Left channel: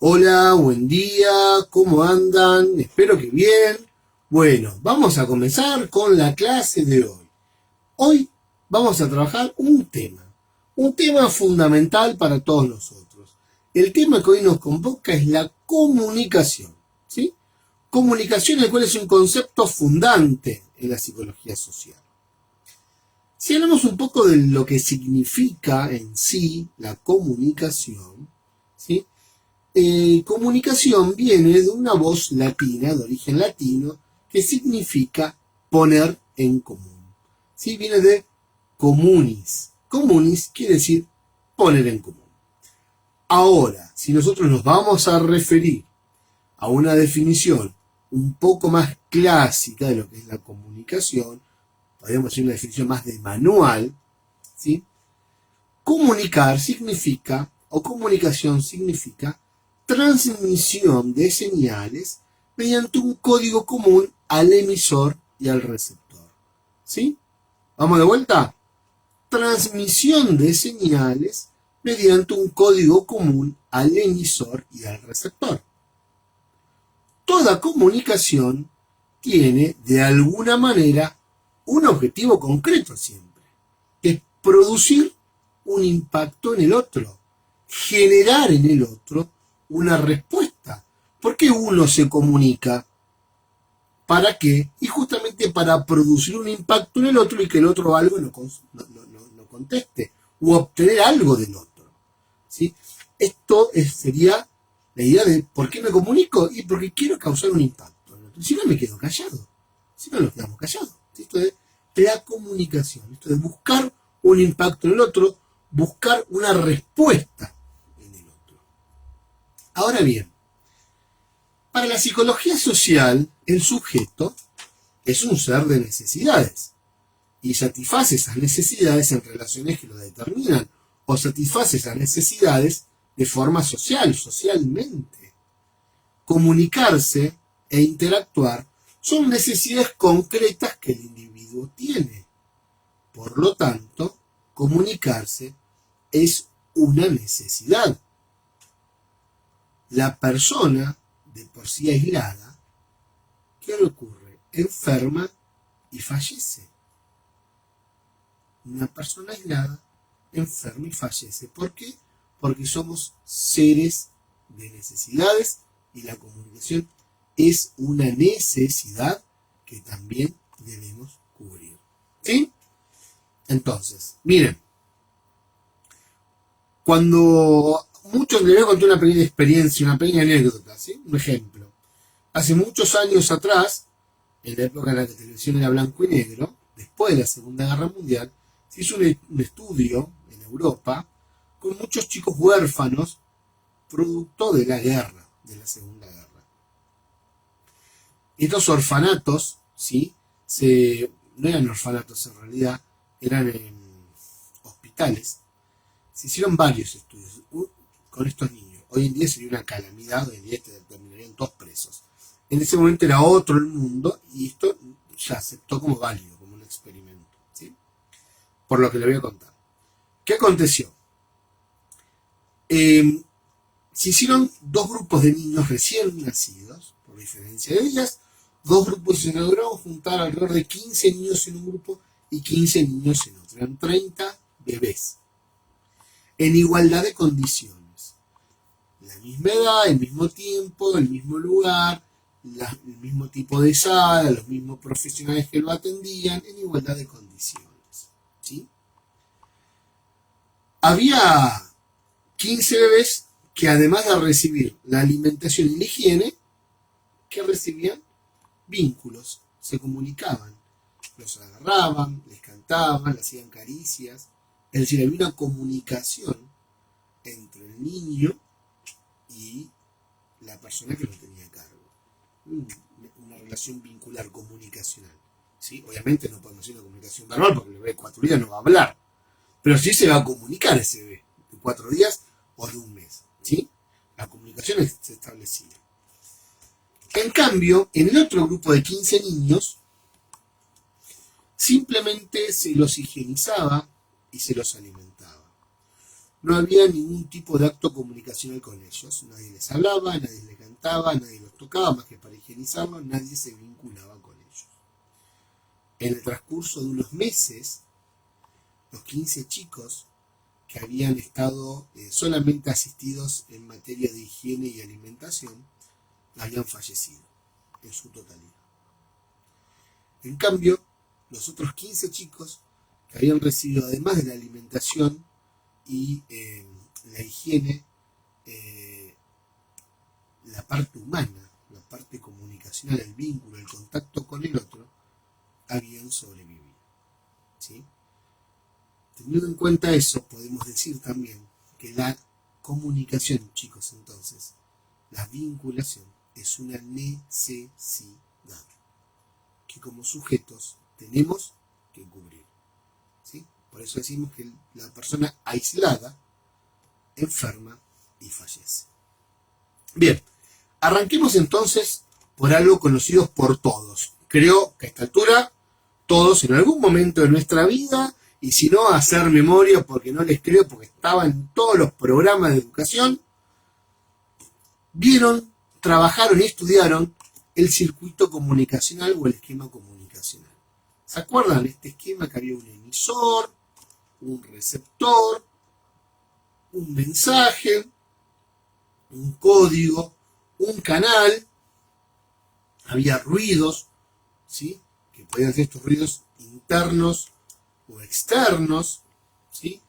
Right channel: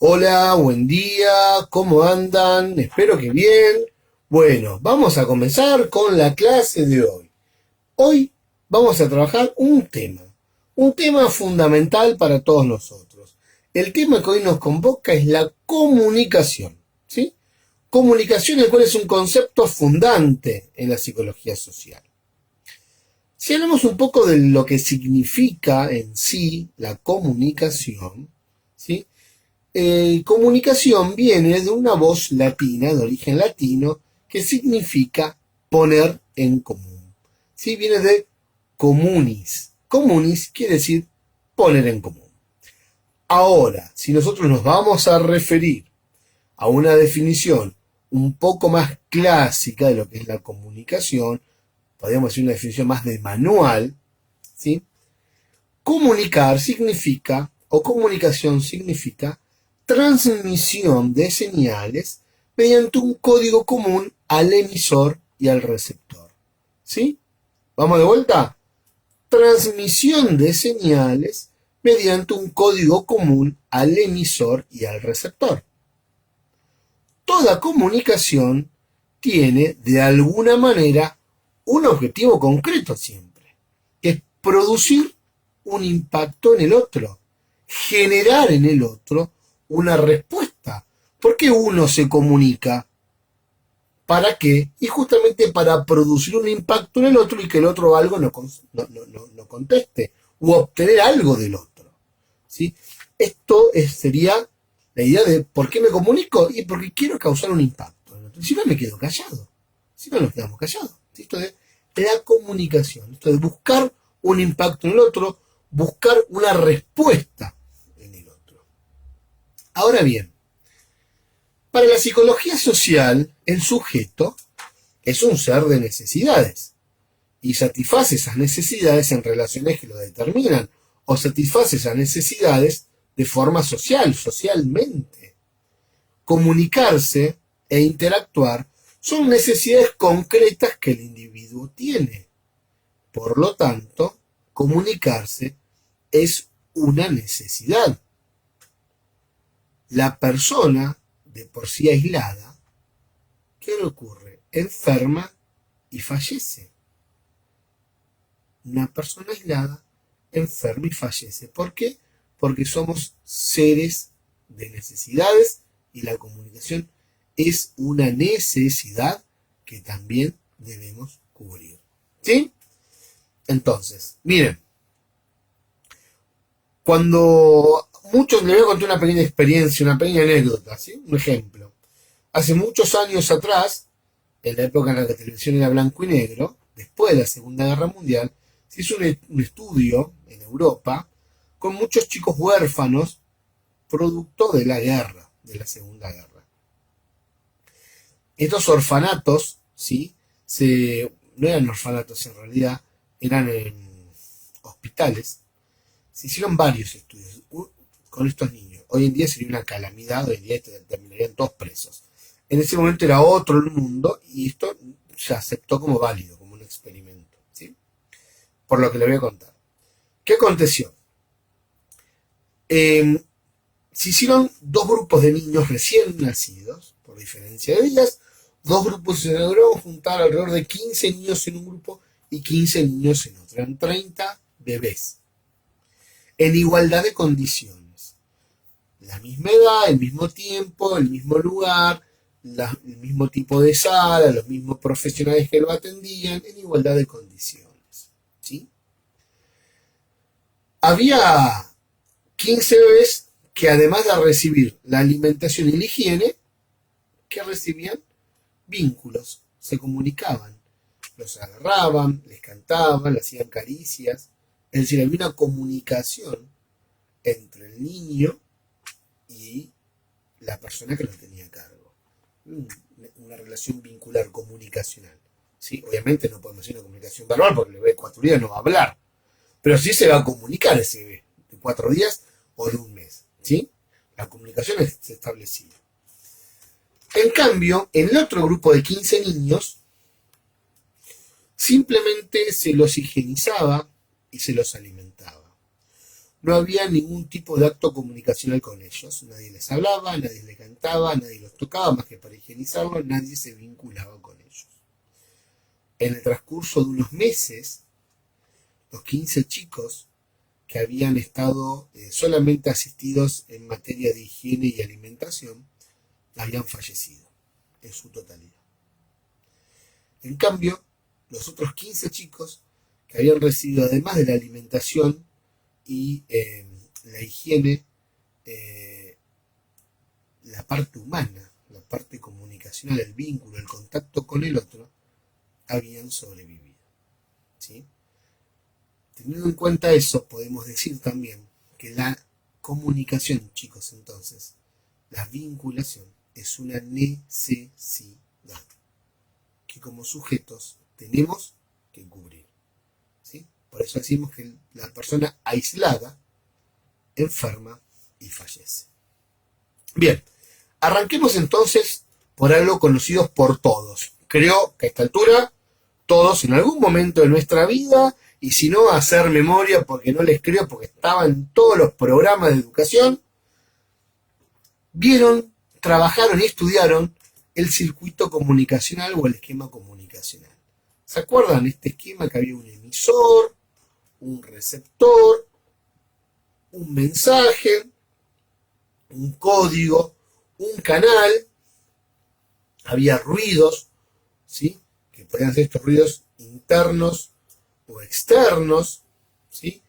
Hola, buen día, ¿cómo andan? Espero que bien. Bueno, vamos a comenzar con la clase de hoy. Hoy vamos a trabajar un tema fundamental para todos nosotros. El tema que hoy nos convoca es la comunicación, ¿sí? Comunicación, el cual es un concepto fundante en la psicología social. Si hablamos un poco de lo que significa en sí la comunicación, ¿sí? Comunicación viene de una voz latina, de origen latino, que significa poner en común. ¿Sí? Viene de comunis. Comunis quiere decir poner en común. Ahora, si nosotros nos vamos a referir a una definición un poco más clásica de lo que es la comunicación, podríamos decir una definición más de manual, ¿sí? Comunicar significa, o comunicación significa, transmisión de señales mediante un código común al emisor y al receptor. ¿Sí? ¿Vamos de vuelta? Transmisión de señales mediante un código común al emisor y al receptor. Toda comunicación tiene, de alguna manera, un objetivo concreto siempre, que es producir un impacto en el otro, generar en el otro una respuesta. ¿Por qué uno se comunica? ¿Para qué? Y justamente para producir un impacto en el otro y que el otro algo no conteste, o obtener algo del otro. ¿Sí? Esto sería la idea de ¿por qué me comunico? Y porque quiero causar un impacto en el otro. Si no, me quedo callado. Si no, nos quedamos callados. ¿Sí? Esto de la comunicación, esto de buscar un impacto en el otro, buscar una respuesta en el otro. Ahora bien, para la psicología social, el sujeto es un ser de necesidades y satisface esas necesidades en relaciones que lo determinan o satisface esas necesidades de forma social, socialmente. Comunicarse e interactuar son necesidades concretas que el individuo tiene. Por lo tanto, comunicarse es una necesidad. La persona, de por sí aislada, ¿qué le ocurre? Enferma y fallece. Una persona aislada enferma y fallece. ¿Por qué? Porque somos seres de necesidades y la comunicación es una necesidad que también debemos cubrir. ¿Sí? Entonces, miren, cuando muchos les voy a contar una pequeña experiencia, una pequeña anécdota, ¿sí? Un ejemplo. Hace muchos años atrás, en la época en la que la televisión era blanco y negro, después de la Segunda Guerra Mundial, se hizo un estudio en Europa con muchos chicos huérfanos producto de la guerra, de la Segunda Guerra. Estos orfanatos, ¿sí? No eran orfanatos en realidad, eran en hospitales. Se hicieron varios estudios con estos niños. Hoy en día sería una calamidad, hoy en día terminarían todos presos. En ese momento era otro el mundo y esto se aceptó como válido, como un experimento, ¿sí? Por lo que le voy a contar. ¿Qué aconteció? Se hicieron dos grupos de niños recién nacidos, por diferencia de días. Dos grupos se lograron juntar alrededor de 15 niños en un grupo y 15 niños en otro. Eran 30 bebés. En igualdad de condiciones. La misma edad, el mismo tiempo, el mismo lugar, el mismo tipo de sala, los mismos profesionales que lo atendían, en igualdad de condiciones. ¿Sí? Había 15 bebés que además de recibir la alimentación y la higiene, que recibían vínculos, se comunicaban, los agarraban, les cantaban, les hacían caricias, es decir, había una comunicación entre el niño y la persona que lo tenía a cargo. Una relación vincular comunicacional. ¿Sí? Obviamente no podemos hacer una comunicación verbal porque el bebé de 4 días no va a hablar, pero sí se va a comunicar ese bebé de 4 días o de un mes. ¿Sí? La comunicación se establecía. En cambio, en el otro grupo de 15 niños, simplemente se los higienizaba y se los alimentaba. no había ningún tipo de acto comunicacional con ellos. Nadie les hablaba, nadie les cantaba, nadie los tocaba más que para higienizarlos, nadie se vinculaba con ellos. En el transcurso de unos meses, los 15 chicos que habían estado solamente asistidos en materia de higiene y alimentación, habían fallecido en su totalidad. En cambio, los otros 15 chicos que habían recibido, además de la alimentación y la higiene, la parte humana, la parte comunicacional, el vínculo, el contacto con el otro, habían sobrevivido. ¿Sí? Teniendo en cuenta eso, podemos decir también que la comunicación, chicos, entonces, la vinculación es una necesidad que como sujetos tenemos que cubrir. ¿Sí? Por eso decimos que la persona aislada enferma y fallece. Bien, arranquemos entonces por algo conocido por todos. Creo que a esta altura todos en algún momento de nuestra vida, y si no, hacer memoria, porque no les creo, porque estaba en todos los programas de educación, vieron, trabajaron y estudiaron el circuito comunicacional o el esquema comunicacional. ¿Se acuerdan de este esquema que había un emisor, un receptor, un mensaje, un código, un canal? Había ruidos, ¿sí? Que podían ser estos ruidos internos o externos, ¿sí?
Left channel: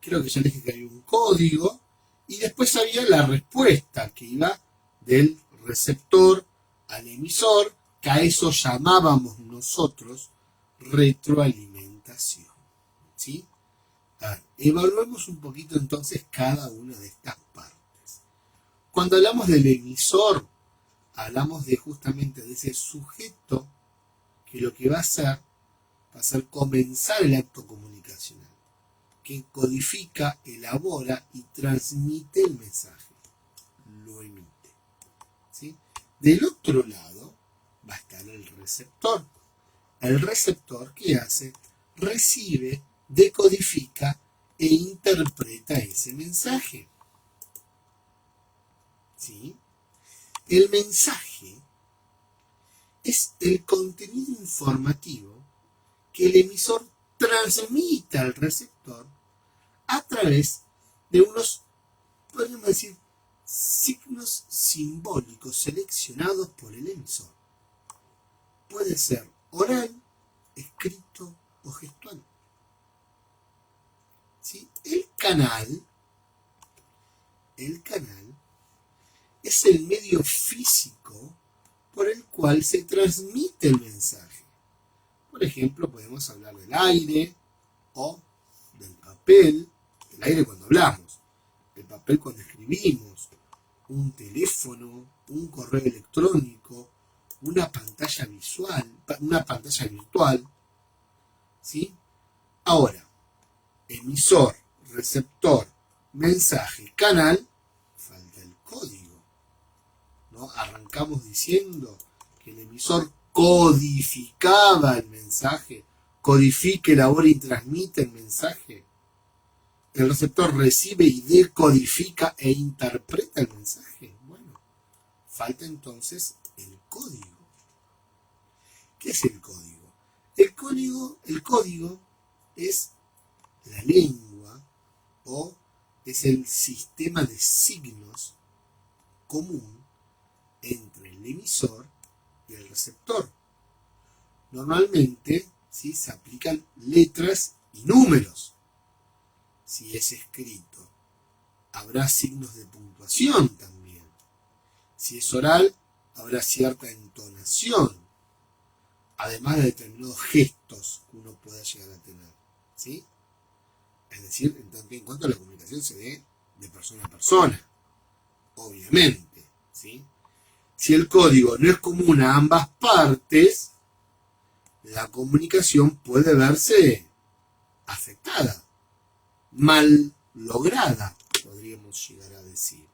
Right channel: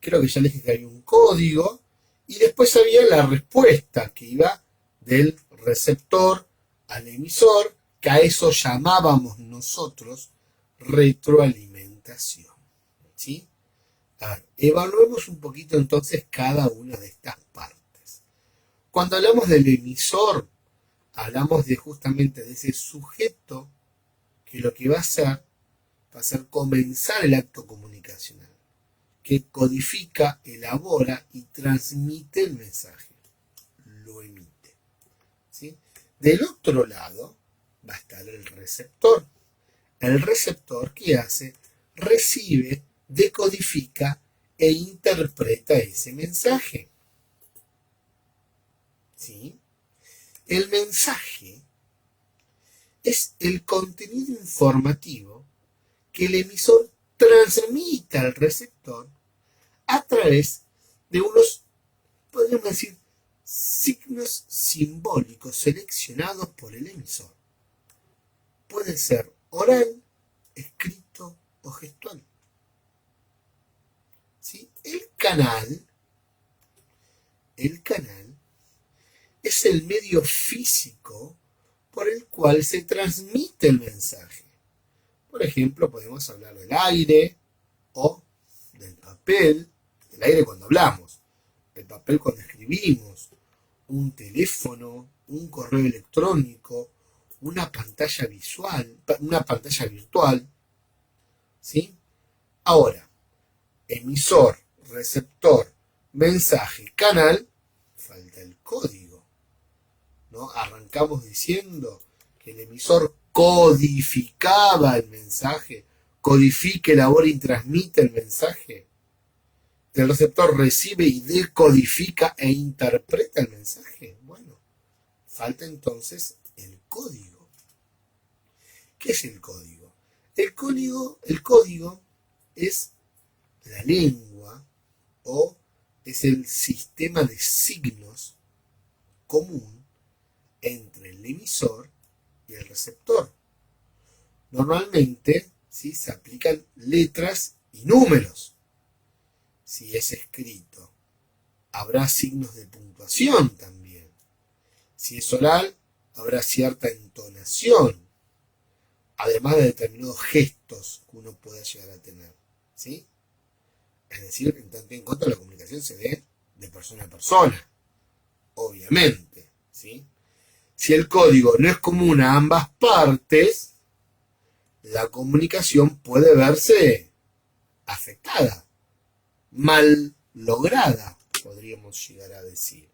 Creo que ya les dije que había un código, y después había la respuesta que iba del receptor al emisor, que a eso llamábamos nosotros retroalimentación. ¿Sí? Evaluemos un poquito entonces cada una de estas partes. Cuando hablamos del emisor, hablamos de justamente de ese sujeto que lo que va a hacer comenzar el acto comunicacional, que codifica, elabora y transmite el mensaje, lo emite. ¿Sí? Del otro lado va a estar el receptor. El receptor, ¿qué hace? Recibe, decodifica e interpreta ese mensaje. ¿Sí? El mensaje es el contenido informativo que el emisor transmite al receptor a través de unos, podríamos decir, signos simbólicos seleccionados por el emisor. Puede ser oral, escrito o gestual. ¿Sí? El canal es el medio físico por el cual se transmite el mensaje. Por ejemplo, podemos hablar del aire o del papel. El aire cuando hablamos, el papel cuando escribimos, un teléfono, un correo electrónico, una pantalla visual, una pantalla virtual. ¿Sí? Ahora, emisor, receptor, mensaje, canal, falta el código. ¿No? Arrancamos diciendo que el emisor codificaba el mensaje, codifica, elabora y transmite el mensaje. El receptor recibe y decodifica e interpreta el mensaje. Bueno, falta entonces el código. ¿Qué es el código? El código es la lengua o es el sistema de signos común entre el emisor y el receptor. Normalmente, ¿sí?, se aplican letras y números. Si es escrito, habrá signos de puntuación también. Si es oral, habrá cierta entonación, además de determinados gestos que uno pueda llegar a tener. ¿Sí? Es decir, en tanto y en cuanto la comunicación se dé de persona a persona, obviamente. ¿Sí? Si el código no es común a ambas partes, la comunicación puede verse afectada, mal lograda, podríamos llegar a decir.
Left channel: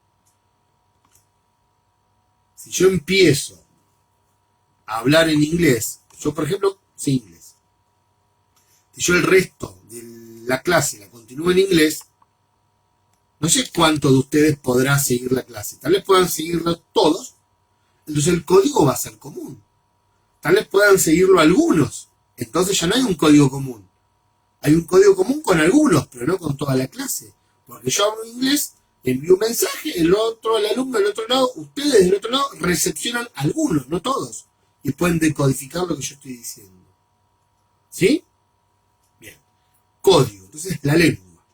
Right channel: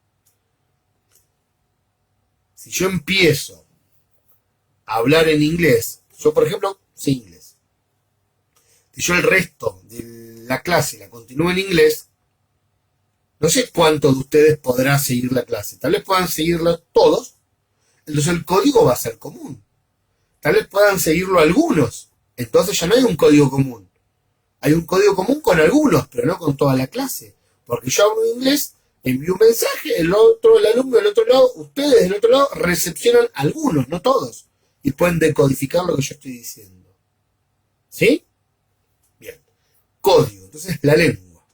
Si yo empiezo a hablar en inglés, yo por ejemplo sé inglés, si yo el resto de la clase la continúo en inglés, No sé cuántos de ustedes podrán seguir la clase. Tal vez puedan seguirla todos. Entonces el código va a ser común. Tal vez puedan seguirlo algunos. Entonces ya no hay un código común. Hay un código común con algunos, pero no con toda la clase. Porque yo hablo inglés, envío un mensaje, el alumno del otro lado, ustedes del otro lado, recepcionan algunos, no todos. Y pueden decodificar lo que yo estoy diciendo. ¿Sí? Bien. Código. Entonces la lengua.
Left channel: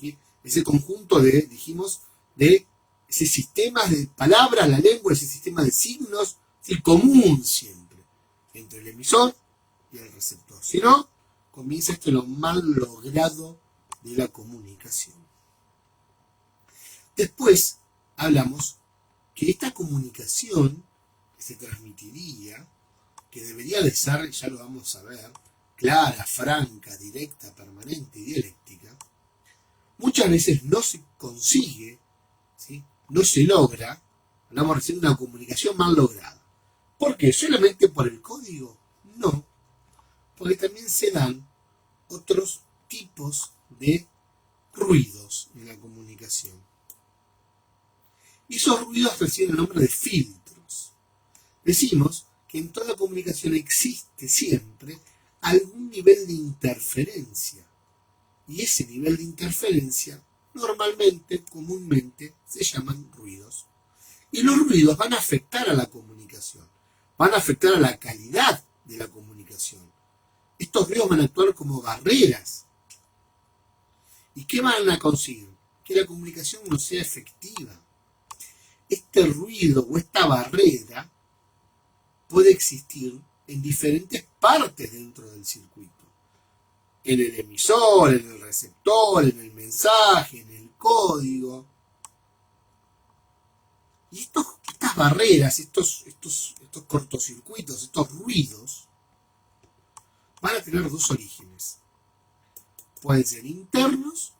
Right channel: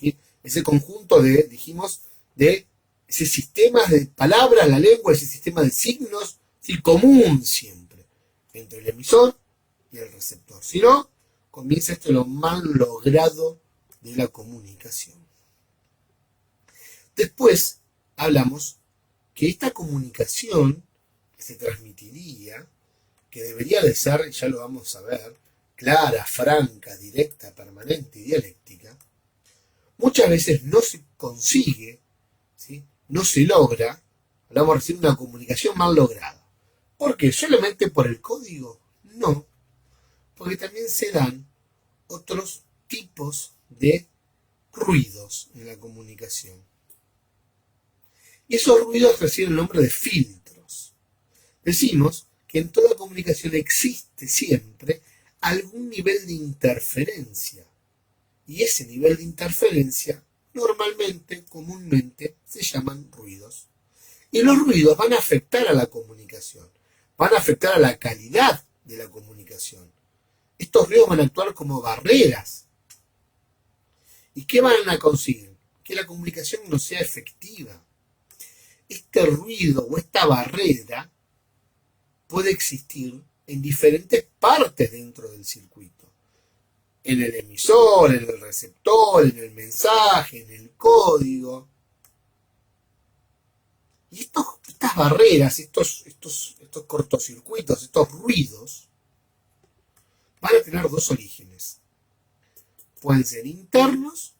¿Sí? Ese conjunto dijimos, de ese sistema de palabras, la lengua, ese sistema de signos, ¿sí? Común siempre, entre el emisor y el receptor. Si no, comienza lo mal logrado de la comunicación. Después hablamos que esta comunicación que se transmitiría, que debería de ser, ya lo vamos a ver, clara, franca, directa, permanente y dialéctica, muchas veces no se consigue, ¿sí? No se logra, hablamos recién de una comunicación mal lograda. ¿Por qué? ¿Solamente por el código? No, porque también se dan otros tipos de ruidos en la comunicación. Y esos ruidos reciben el nombre de filtros. Decimos que en toda comunicación existe siempre algún nivel de interferencia. Y ese nivel de interferencia normalmente, comúnmente, se llaman ruidos. Y los ruidos van a afectar a la comunicación, van a afectar a la calidad de la comunicación. Estos ruidos van a actuar como barreras. ¿Y qué van a conseguir? Que la comunicación no sea efectiva. Este ruido o esta barrera puede existir en diferentes partes dentro del circuito. En el emisor, en el receptor, en el mensaje, en el código. Y estas barreras, estos cortocircuitos, estos ruidos, van a tener dos orígenes. Pueden ser internos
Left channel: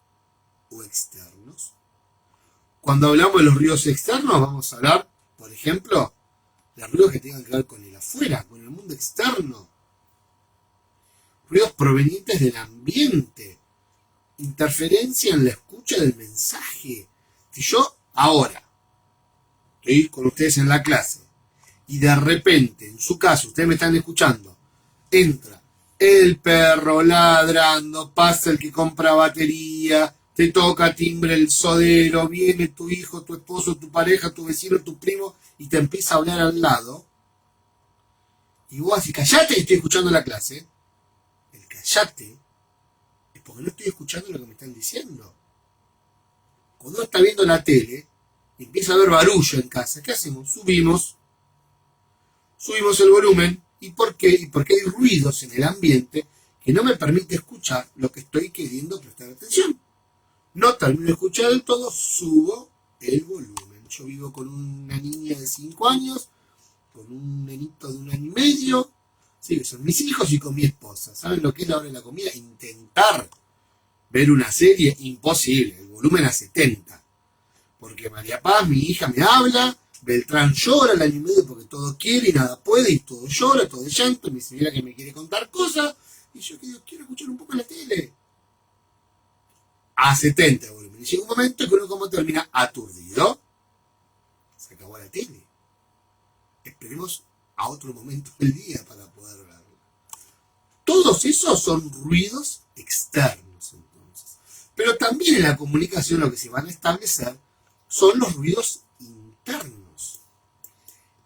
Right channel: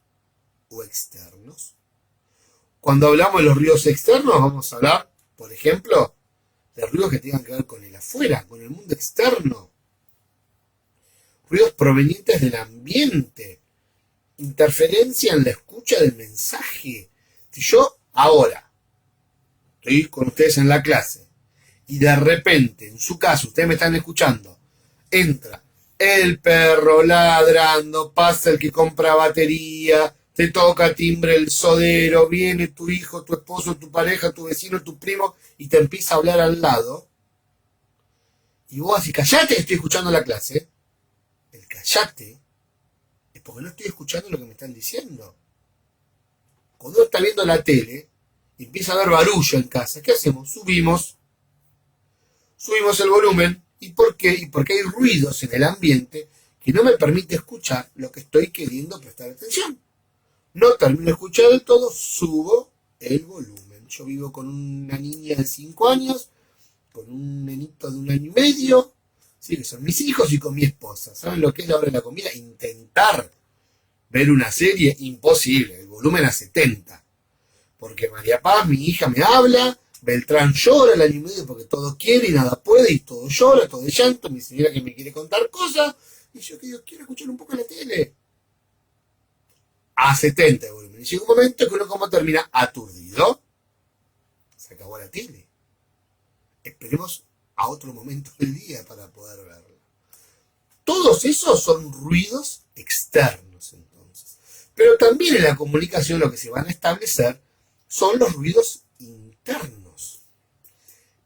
o externos. Cuando hablamos de los ruidos externos, vamos a hablar, por ejemplo, de ruidos que tengan que ver con el afuera, con el mundo externo. Ruidos provenientes del ambiente. Interferencia en la escucha del mensaje. Si yo ahora estoy con ustedes en la clase y de repente, en su caso, ustedes me están escuchando, entra el perro ladrando, pasa el que compra batería, te toca timbre el sodero, viene tu hijo, tu esposo, tu pareja, tu vecino, tu primo, y te empieza a hablar al lado, y vos así, callate, estoy escuchando la clase. El callate es porque no estoy escuchando lo que me están diciendo. Cuando uno está viendo la tele y empieza a haber barullo en casa, ¿qué hacemos? Subimos el volumen. ¿Y por qué? Y porque hay ruidos en el ambiente que no me permite escuchar lo que estoy queriendo prestar atención. No termino de escuchar del todo, subo el volumen. Yo vivo con una niña de 5 años, con un nenito de 1 año y medio, sí, que son mis hijos, y con mi esposa. ¿Saben lo que es la hora de la comida? Intentar ver una serie, imposible, el volumen a 70. Porque María Paz, mi hija, me habla, Beltrán llora el año y medio porque todo quiere y nada puede, y todo llora, todo es llanto, mi señora que me quiere contar cosas, y yo que Dios quiero escuchar un poco la tele. A 70 el volumen. Y llega un momento que uno como termina aturdido. Se acabó la tele. Esperemos a otro momento del día para poder verla. Todos esos son ruidos externos, entonces. Pero también en la comunicación lo que se van a establecer son los ruidos internos.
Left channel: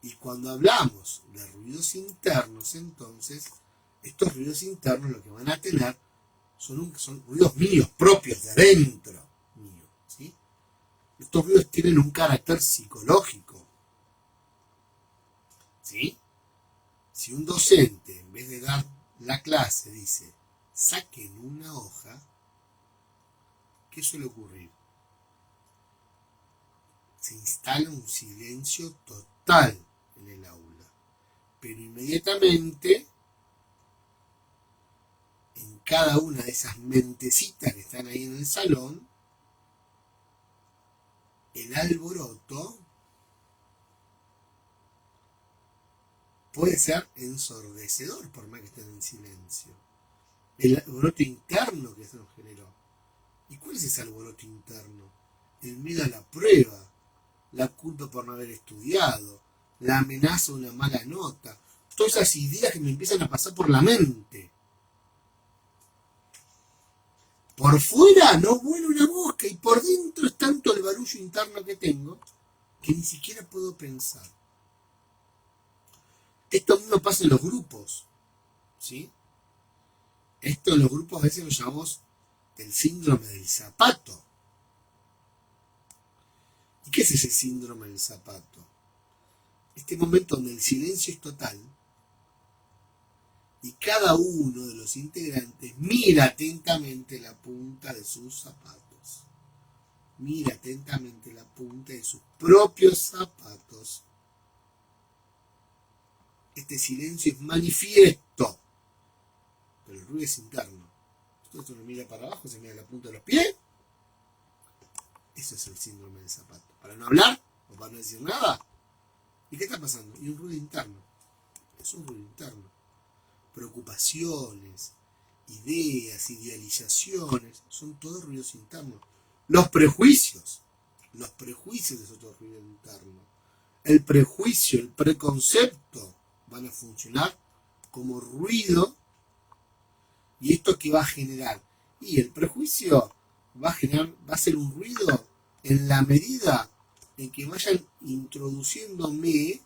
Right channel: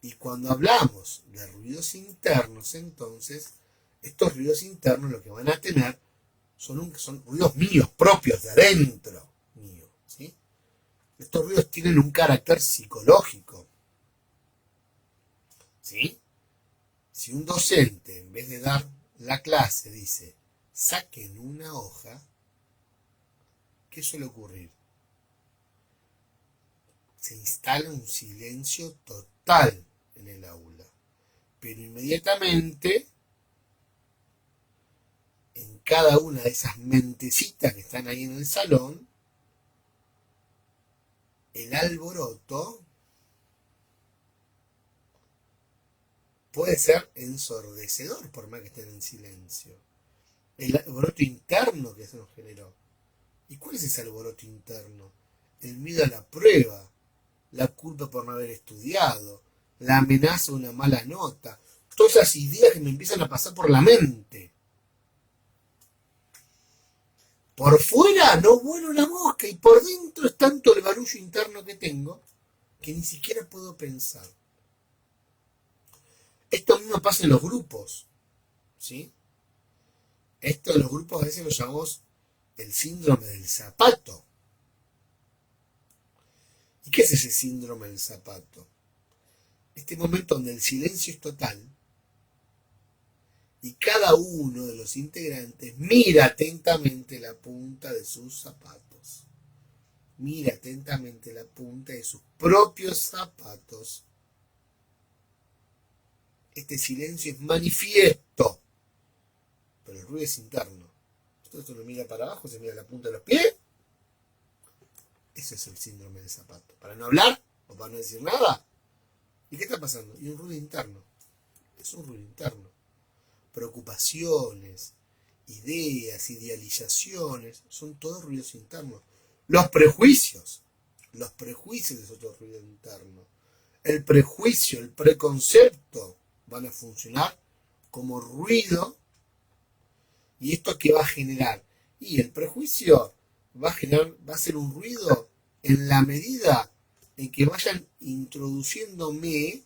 Y cuando hablamos de ruidos internos, entonces, estos ruidos internos lo que van a tener son ruidos míos, propios, de adentro mío, ¿sí? Estos ruidos tienen un carácter psicológico, ¿sí? Si un docente, en vez de dar la clase, dice, saquen una hoja, ¿qué suele ocurrir? Se instala un silencio total en el aula, pero inmediatamente en cada una de esas mentecitas que están ahí en el salón, el alboroto puede ser ensordecedor por más que estén en silencio. El alboroto interno que se nos generó. ¿Y cuál es ese alboroto interno? el miedo a la prueba, la culpa por no haber estudiado, la amenaza de una mala nota, todas esas ideas que me empiezan a pasar por la mente. Por fuera no vuela una mosca y por dentro es tanto el barullo interno que tengo que ni siquiera puedo pensar. Esto mismo pasa en los grupos, ¿sí? Esto en los grupos a veces lo llamamos el síndrome del zapato. ¿Y qué es ese síndrome del zapato? Este momento donde el silencio es total y cada uno de los integrantes mira atentamente la punta de sus zapatos. Mira atentamente la punta de sus propios zapatos. Este silencio es manifiesto, pero el ruido es interno. Esto no mira para abajo, se mira la punta de los pies. Ese es el síndrome del zapato. Para no hablar o para no decir nada. ¿Y qué está pasando? Y un ruido interno. Es un ruido interno. Preocupaciones, ideas, idealizaciones, son todos ruidos internos. Los prejuicios es otro ruido interno. El prejuicio, el preconcepto van a funcionar como ruido. ¿Y esto qué va a generar? Y el prejuicio va a ser un ruido en la medida en que vayan introduciéndome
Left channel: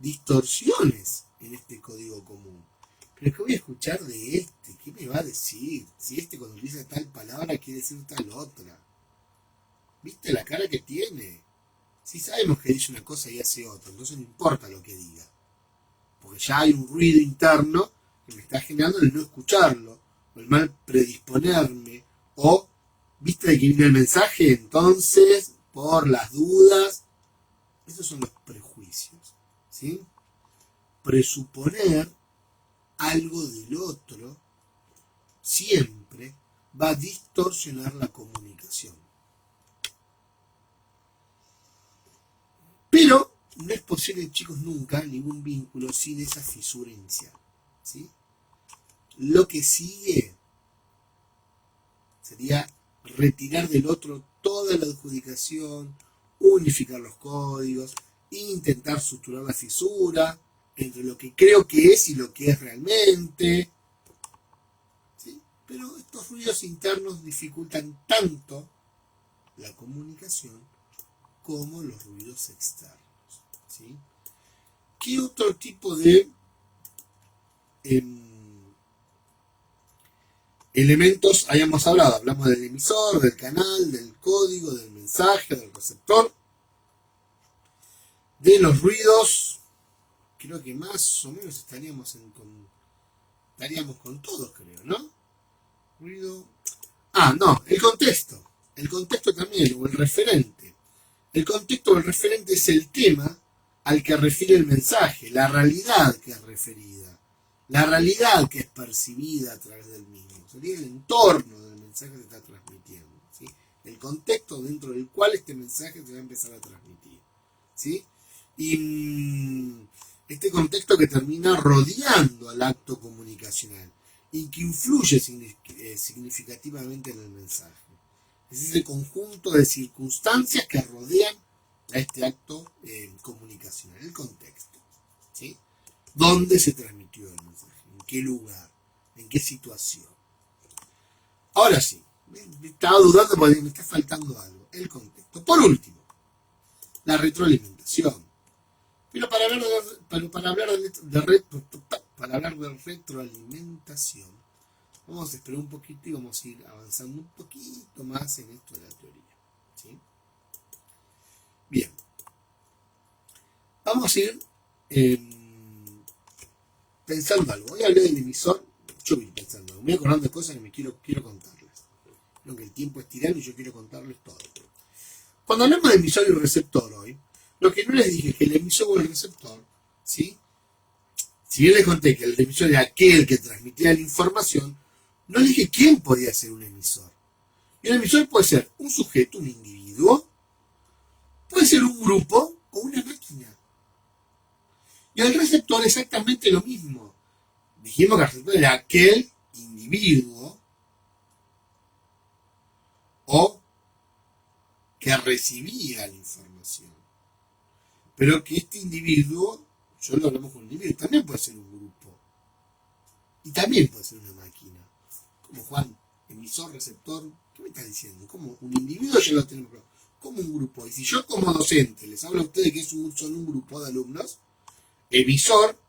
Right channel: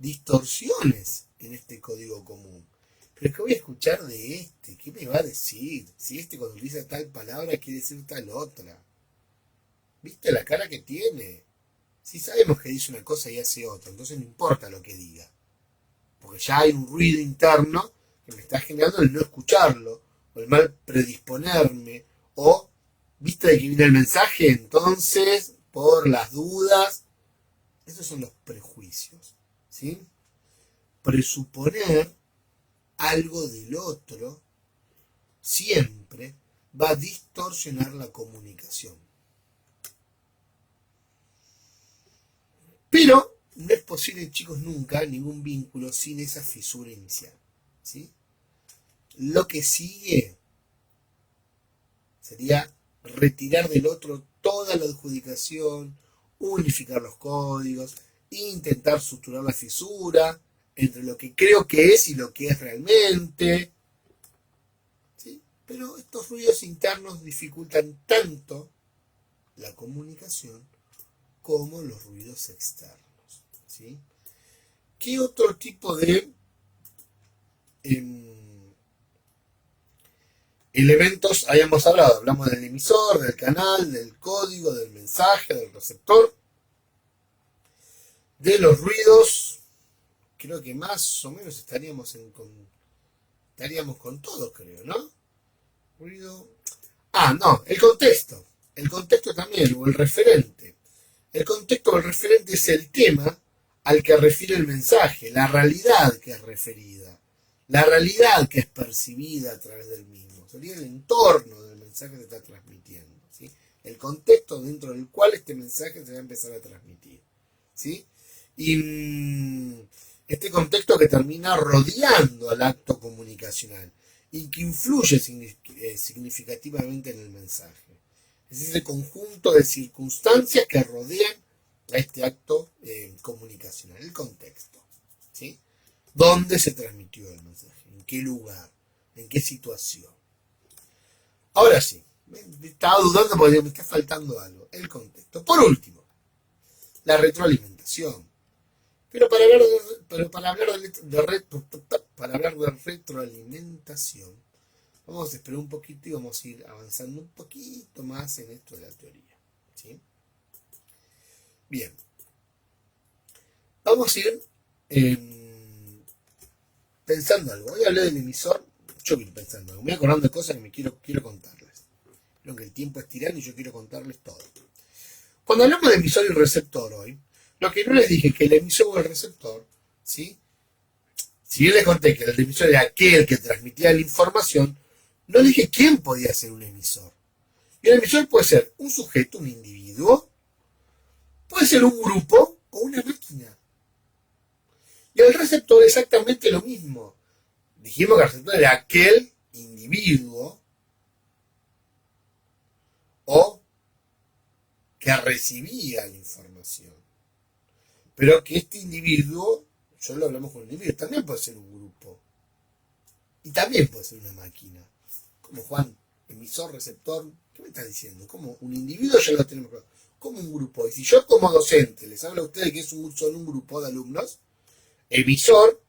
distorsiones en este código común. Pero ¿qué voy a escuchar de este? ¿Qué me va a decir? Si este cuando utiliza tal palabra quiere decir tal otra. ¿Viste la cara que tiene? Si sabemos que dice una cosa y hace otra, entonces no importa lo que diga. Porque ya hay un ruido interno que me está generando el no escucharlo, o el mal predisponerme, o vista de que viene el mensaje, entonces, por las dudas. Esos son los prejuicios, ¿sí? Presuponer algo del otro siempre va a distorsionar la comunicación. Pero no es posible, chicos, nunca ningún vínculo sin esa fisura inicial, ¿sí? Lo que sigue sería retirar del otro toda la adjudicación, unificar los códigos, intentar suturar la fisura entre lo que creo que es y lo que es realmente, ¿sí? Pero estos ruidos internos dificultan tanto la comunicación como los ruidos externos, ¿sí? ¿Qué otro tipo de elementos hayamos hablado? Hablamos del emisor, del canal, del código, del mensaje, del receptor, de los ruidos. Creo que más o menos estaríamos con todos, creo, ¿no? Ruido. No, el contexto. El contexto también, o el referente. El contexto o el referente es el tema al que refiere el mensaje, la realidad que es referida, la realidad que es percibida a través del mismo. Sería el entorno del mensaje que se está transmitiendo, ¿sí? El contexto dentro del cual este mensaje se va a empezar a transmitir, ¿sí? Y este contexto que termina rodeando al acto comunicacional y que influye significativamente en el mensaje. Es ese conjunto de circunstancias que rodean a este acto comunicacional, el contexto, ¿sí? ¿Dónde se transmitió el mensaje? ¿En qué lugar? ¿En qué situación? Ahora sí, estaba dudando porque me está faltando algo, el contexto. Por último, la retroalimentación. Pero para hablar de retroalimentación, vamos a esperar un poquito y vamos a ir avanzando un poquito más en esto de la teoría, ¿sí? Bien. Vamos a ir pensando algo. Voy a hablar del emisor. Yo voy pensando algo. Me voy acordando de cosas que me quiero contarles. Creo que el tiempo es tirano y yo quiero contarles todo. Cuando hablamos de emisor y receptor hoy, lo que no les dije es que el emisor o el receptor, ¿sí? Si bien les conté que el emisor era aquel que transmitía la información, no les dije quién podía ser un emisor. Y un emisor puede ser un sujeto, un individuo, puede ser un grupo o una máquina. Y el receptor exactamente lo mismo. Dijimos que el receptor era aquel individuo o que recibía la información. Pero que este individuo, yo lo hablamos con un individuo, también puede ser un grupo. Y también puede ser una máquina. Como Juan, emisor, receptor, ¿qué me estás diciendo? Como un individuo ya lo tenemos claro. Como un grupo. Y si yo como docente les hablo a ustedes que son un grupo de alumnos, emisor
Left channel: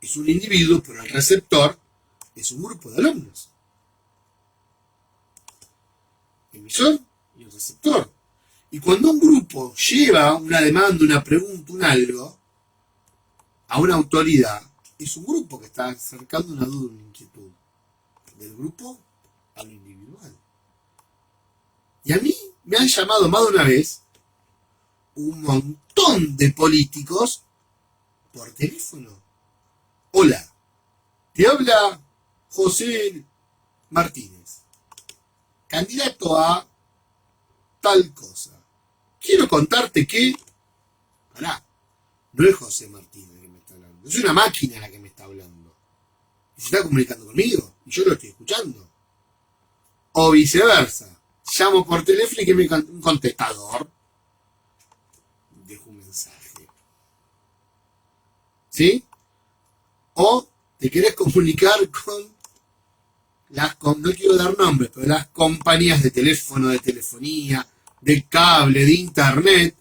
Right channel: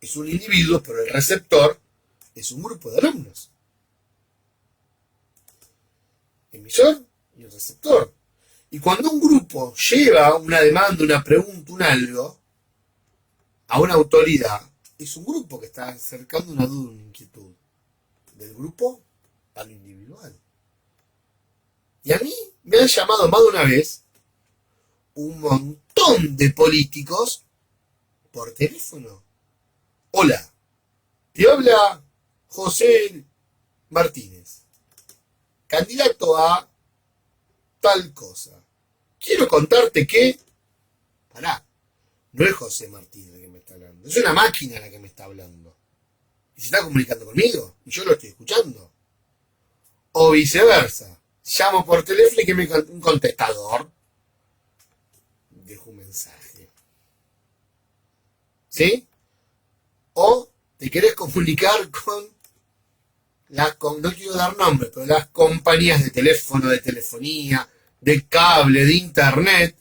es un individuo, pero el receptor es un grupo de alumnos. Emisor y el receptor. Y cuando un grupo lleva una demanda, una pregunta, un algo, a una autoridad, es un grupo que está acercando una duda, una inquietud. Del grupo a lo individual. Y a mí me han llamado más de una vez un montón de políticos por teléfono. Hola, te habla José Martínez, candidato a tal cosa. Quiero contarte que, pará, no es José Martínez el que me está hablando, es una máquina la que me está hablando. Y se está comunicando conmigo, y yo lo estoy escuchando. O viceversa, llamo por teléfono y que un contestador dejo un mensaje. ¿Sí? O te querés comunicar con no quiero dar nombres, pero las compañías de teléfono, de telefonía, de cable, de internet.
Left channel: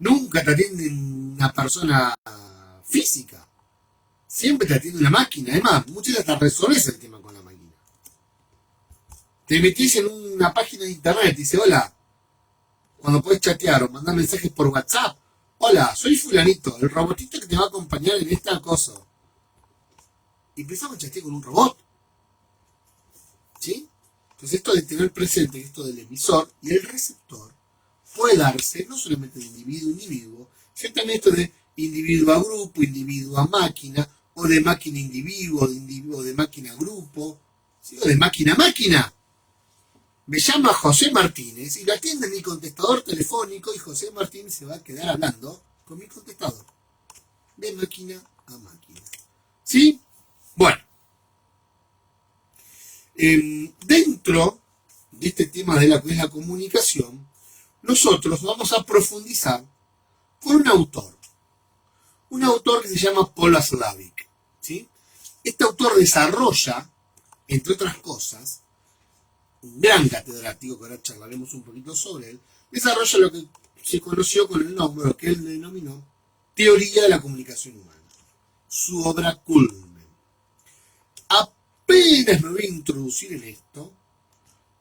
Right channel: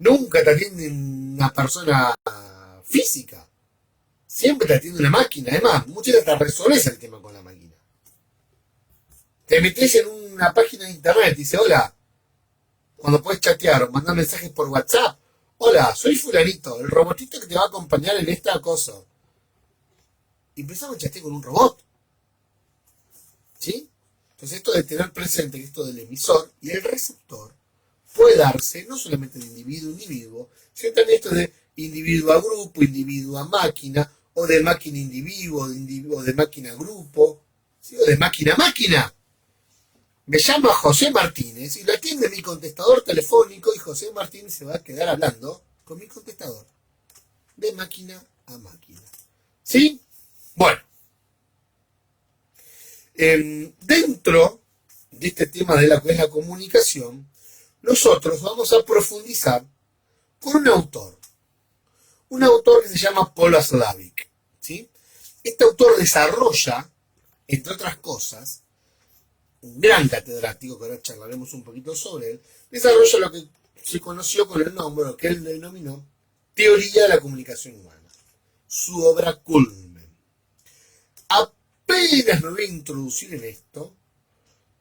Nunca te atiende una persona física. Siempre te atiende una máquina. Además, muchas veces te resolves el tema con la máquina. Te metes en una página de internet y dice, hola, cuando puedes chatear o mandar mensajes por WhatsApp. Hola, soy fulanito, el robotito que te va a acompañar en esta cosa. Y empezamos a chatear con un robot. ¿Sí? Entonces esto de tener presente esto del emisor y el receptor puede darse no solamente de individuo a individuo, sino también esto de individuo a grupo, individuo a máquina, o de máquina a individuo, o de máquina a grupo, ¿sí? O de máquina a máquina. Me llama José Martínez y lo atiende mi contestador telefónico y José Martínez se va a quedar hablando con mi contestador. De máquina a máquina. ¿Sí? Bueno. Dentro de este tema de la que es la comunicación, nosotros vamos a profundizar con un autor que se llama Paul Watzlawick, ¿sí? Este autor desarrolla, entre otras cosas, un gran catedrático, que ahora charlaremos un poquito sobre él, desarrolla lo que se conoció con el nombre, lo que él denominó Teoría de la Comunicación Humana, su obra culmen. Apenas me voy a introducir en esto,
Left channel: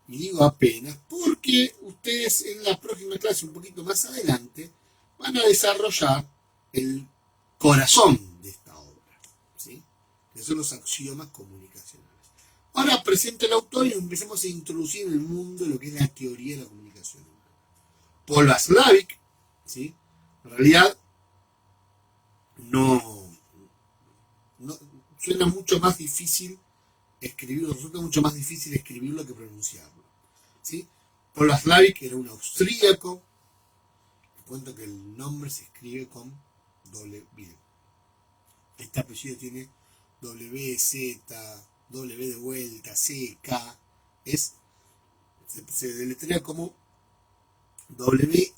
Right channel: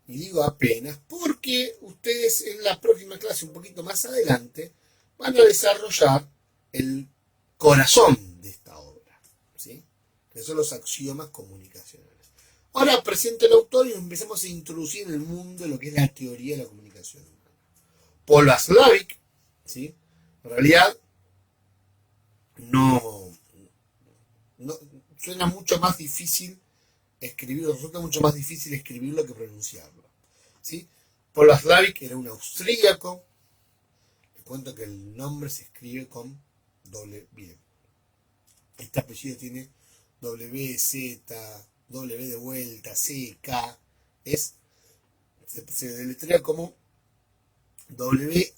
y digo apenas, porque ustedes en la próxima clase, un poquito más adelante, van a desarrollar el corazón de esta obra, ¿sí? Que son los axiomas comunicacionales. Ahora presento el autor y empezamos a introducir en el mundo lo que es la teoría de la comunicación humana. Paul Watzlawick, ¿sí? En realidad, no suena mucho más difícil escribirlo, resulta mucho más difícil escribirlo que pronunciarlo, ¿sí? Paul Watzlawick era un austríaco. Les cuento que el nombre se escribe con doble B. Este apellido tiene W, Z, W de vuelta, C, K. Se deletrea como W-A-T-Z-L-A-W-I-C-K.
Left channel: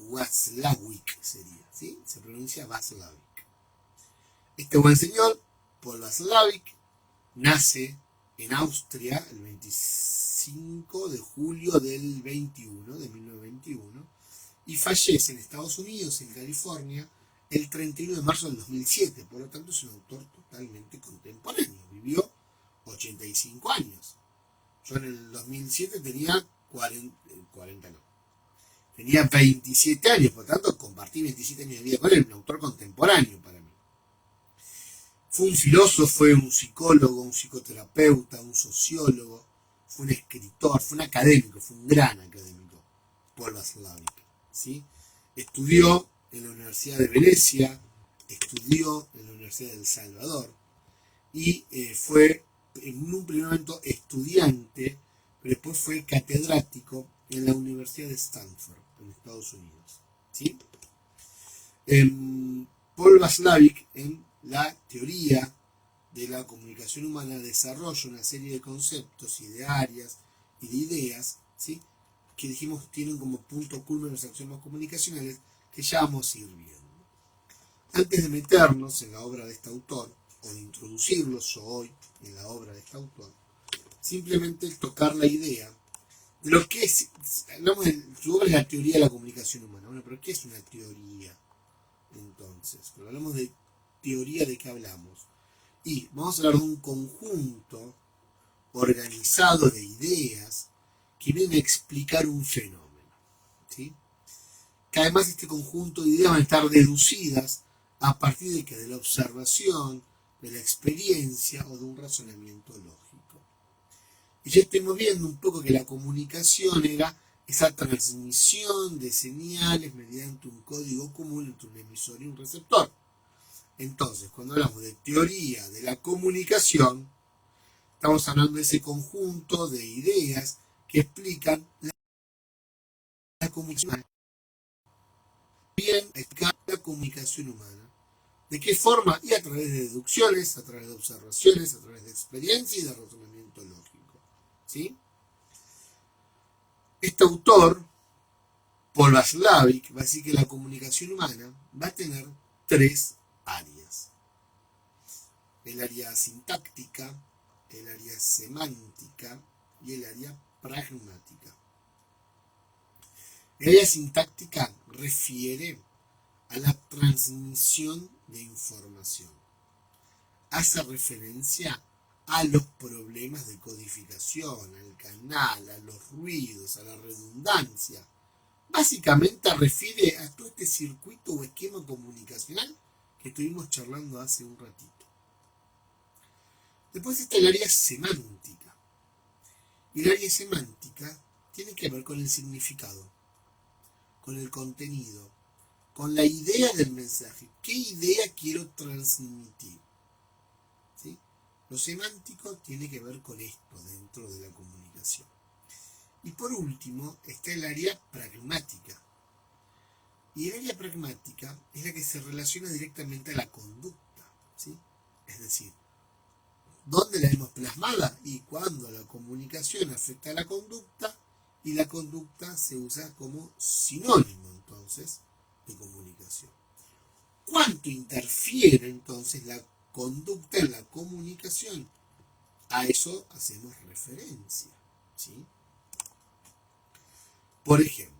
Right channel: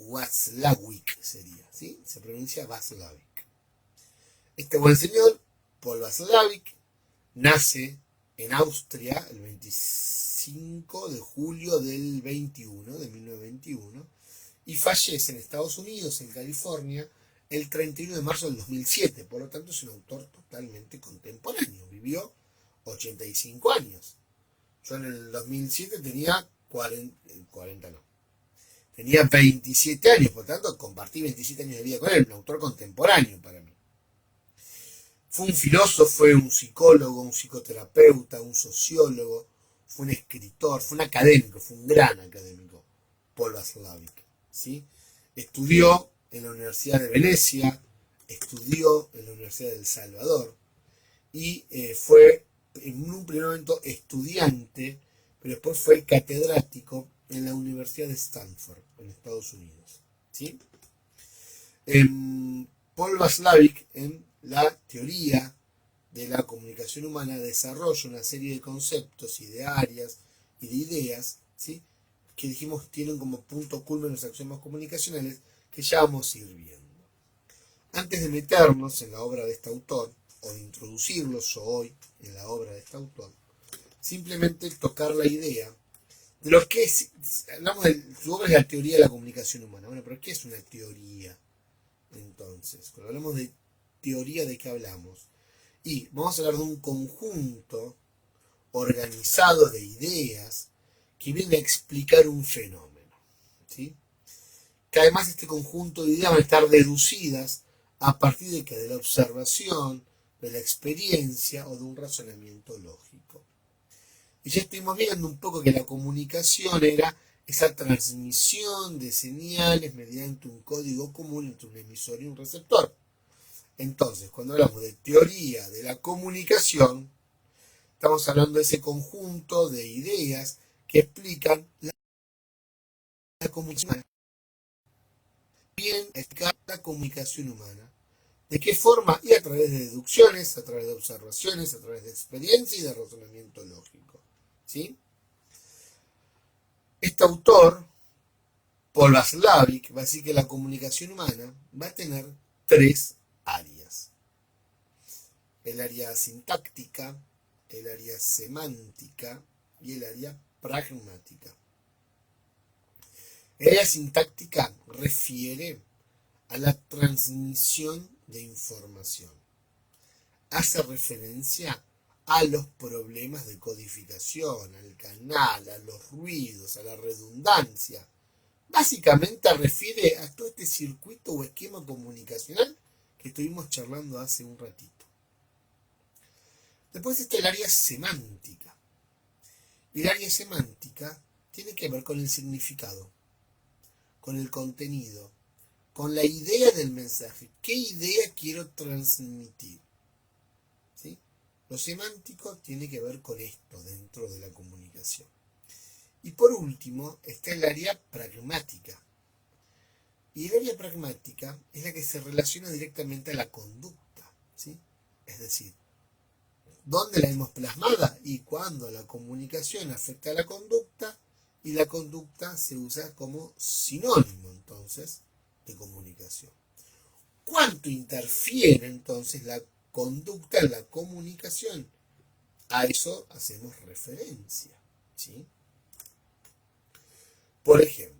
Watzlawick sería, ¿sí? Se pronuncia Watzlawick. Este buen señor, Paul Watzlawick, nace en Austria el 25 de julio del 21, de 1921, y fallece en Estados Unidos, en California, el 31 de marzo del 2007. Por lo tanto, es un autor totalmente contemporáneo. Vivió 85 años. Yo en el 2007 tenía 40 no. Tenía 27 años, por lo tanto, compartí 27 años de vida con él, un autor contemporáneo para mí. Fue un filósofo, fue un psicólogo, un psicoterapeuta, un sociólogo, fue un escritor, fue un académico, fue un gran académico, Paul Watzlawick, ¿sí? Estudió en la Universidad de Venecia, estudió en la Universidad de El Salvador y fue en un primer momento estudiante, pero después fue catedrático en la Universidad de Stanford, en Estados Unidos, ¿sí? Paul Watzlawick, en la teoría de la comunicación humana desarrolla una serie de conceptos y de áreas y de ideas, ¿sí?, que dijimos tienen como punto culmen los axiomas comunicacionales que ya vamos a ir viendo. Antes de meternos en la obra de este autor, o de introducirlos hoy en la obra de este autor, simplemente tocar la idea de lo que es, hablamos de su obra es la teoría de la comunicación humana. Bueno, pero ¿qué es una teoría? Entonces, cuando hablamos de teoría, ¿de qué hablamos? Y vamos a hablar de un conjunto organizado de ideas que viene a explicar un fenómeno, ¿sí?, que además este conjunto de ideas van a estar deducidas a partir de que de la observación, de la experiencia o de un razonamiento lógico. Y ya estuvimos viendo un poco que la comunicación era esa transmisión de señales mediante un código común entre un emisor y un receptor. Entonces, cuando hablamos de teoría de la comunicación, estamos hablando de ese conjunto de ideas que explican la comunicación humana. Bien, explicar la comunicación humana. ¿De qué forma? Y a través de deducciones, a través de observaciones, a través de experiencia y de razonamiento lógico, ¿sí? Este autor, Paul Watzlawick, va a decir que la comunicación humana va a tener tres áreas: el área sintáctica, el área semántica y el área pragmática. El área sintáctica refiere a la transmisión de información. Hace referencia a los problemas de codificación, al canal, a los ruidos, a la redundancia. Básicamente refiere a todo este circuito o esquema comunicacional que estuvimos charlando hace un ratito. Después está el área semántica. Y el área semántica tiene que ver con el significado, con el contenido, con la idea del mensaje. ¿Qué idea quiero transmitir? ¿Sí? Lo semántico tiene que ver con esto dentro de la comunicación. Y por último está el área pragmática. Y el área pragmática es la que se relaciona directamente a la conducta, ¿sí? Es decir, ¿dónde la vemos plasmada? Y cuando la comunicación afecta a la conducta, y la conducta se usa como sinónimo entonces de comunicación. ¿Cuánto interfiere entonces la conducta en la comunicación? A eso hacemos referencia, ¿sí? Por ejemplo,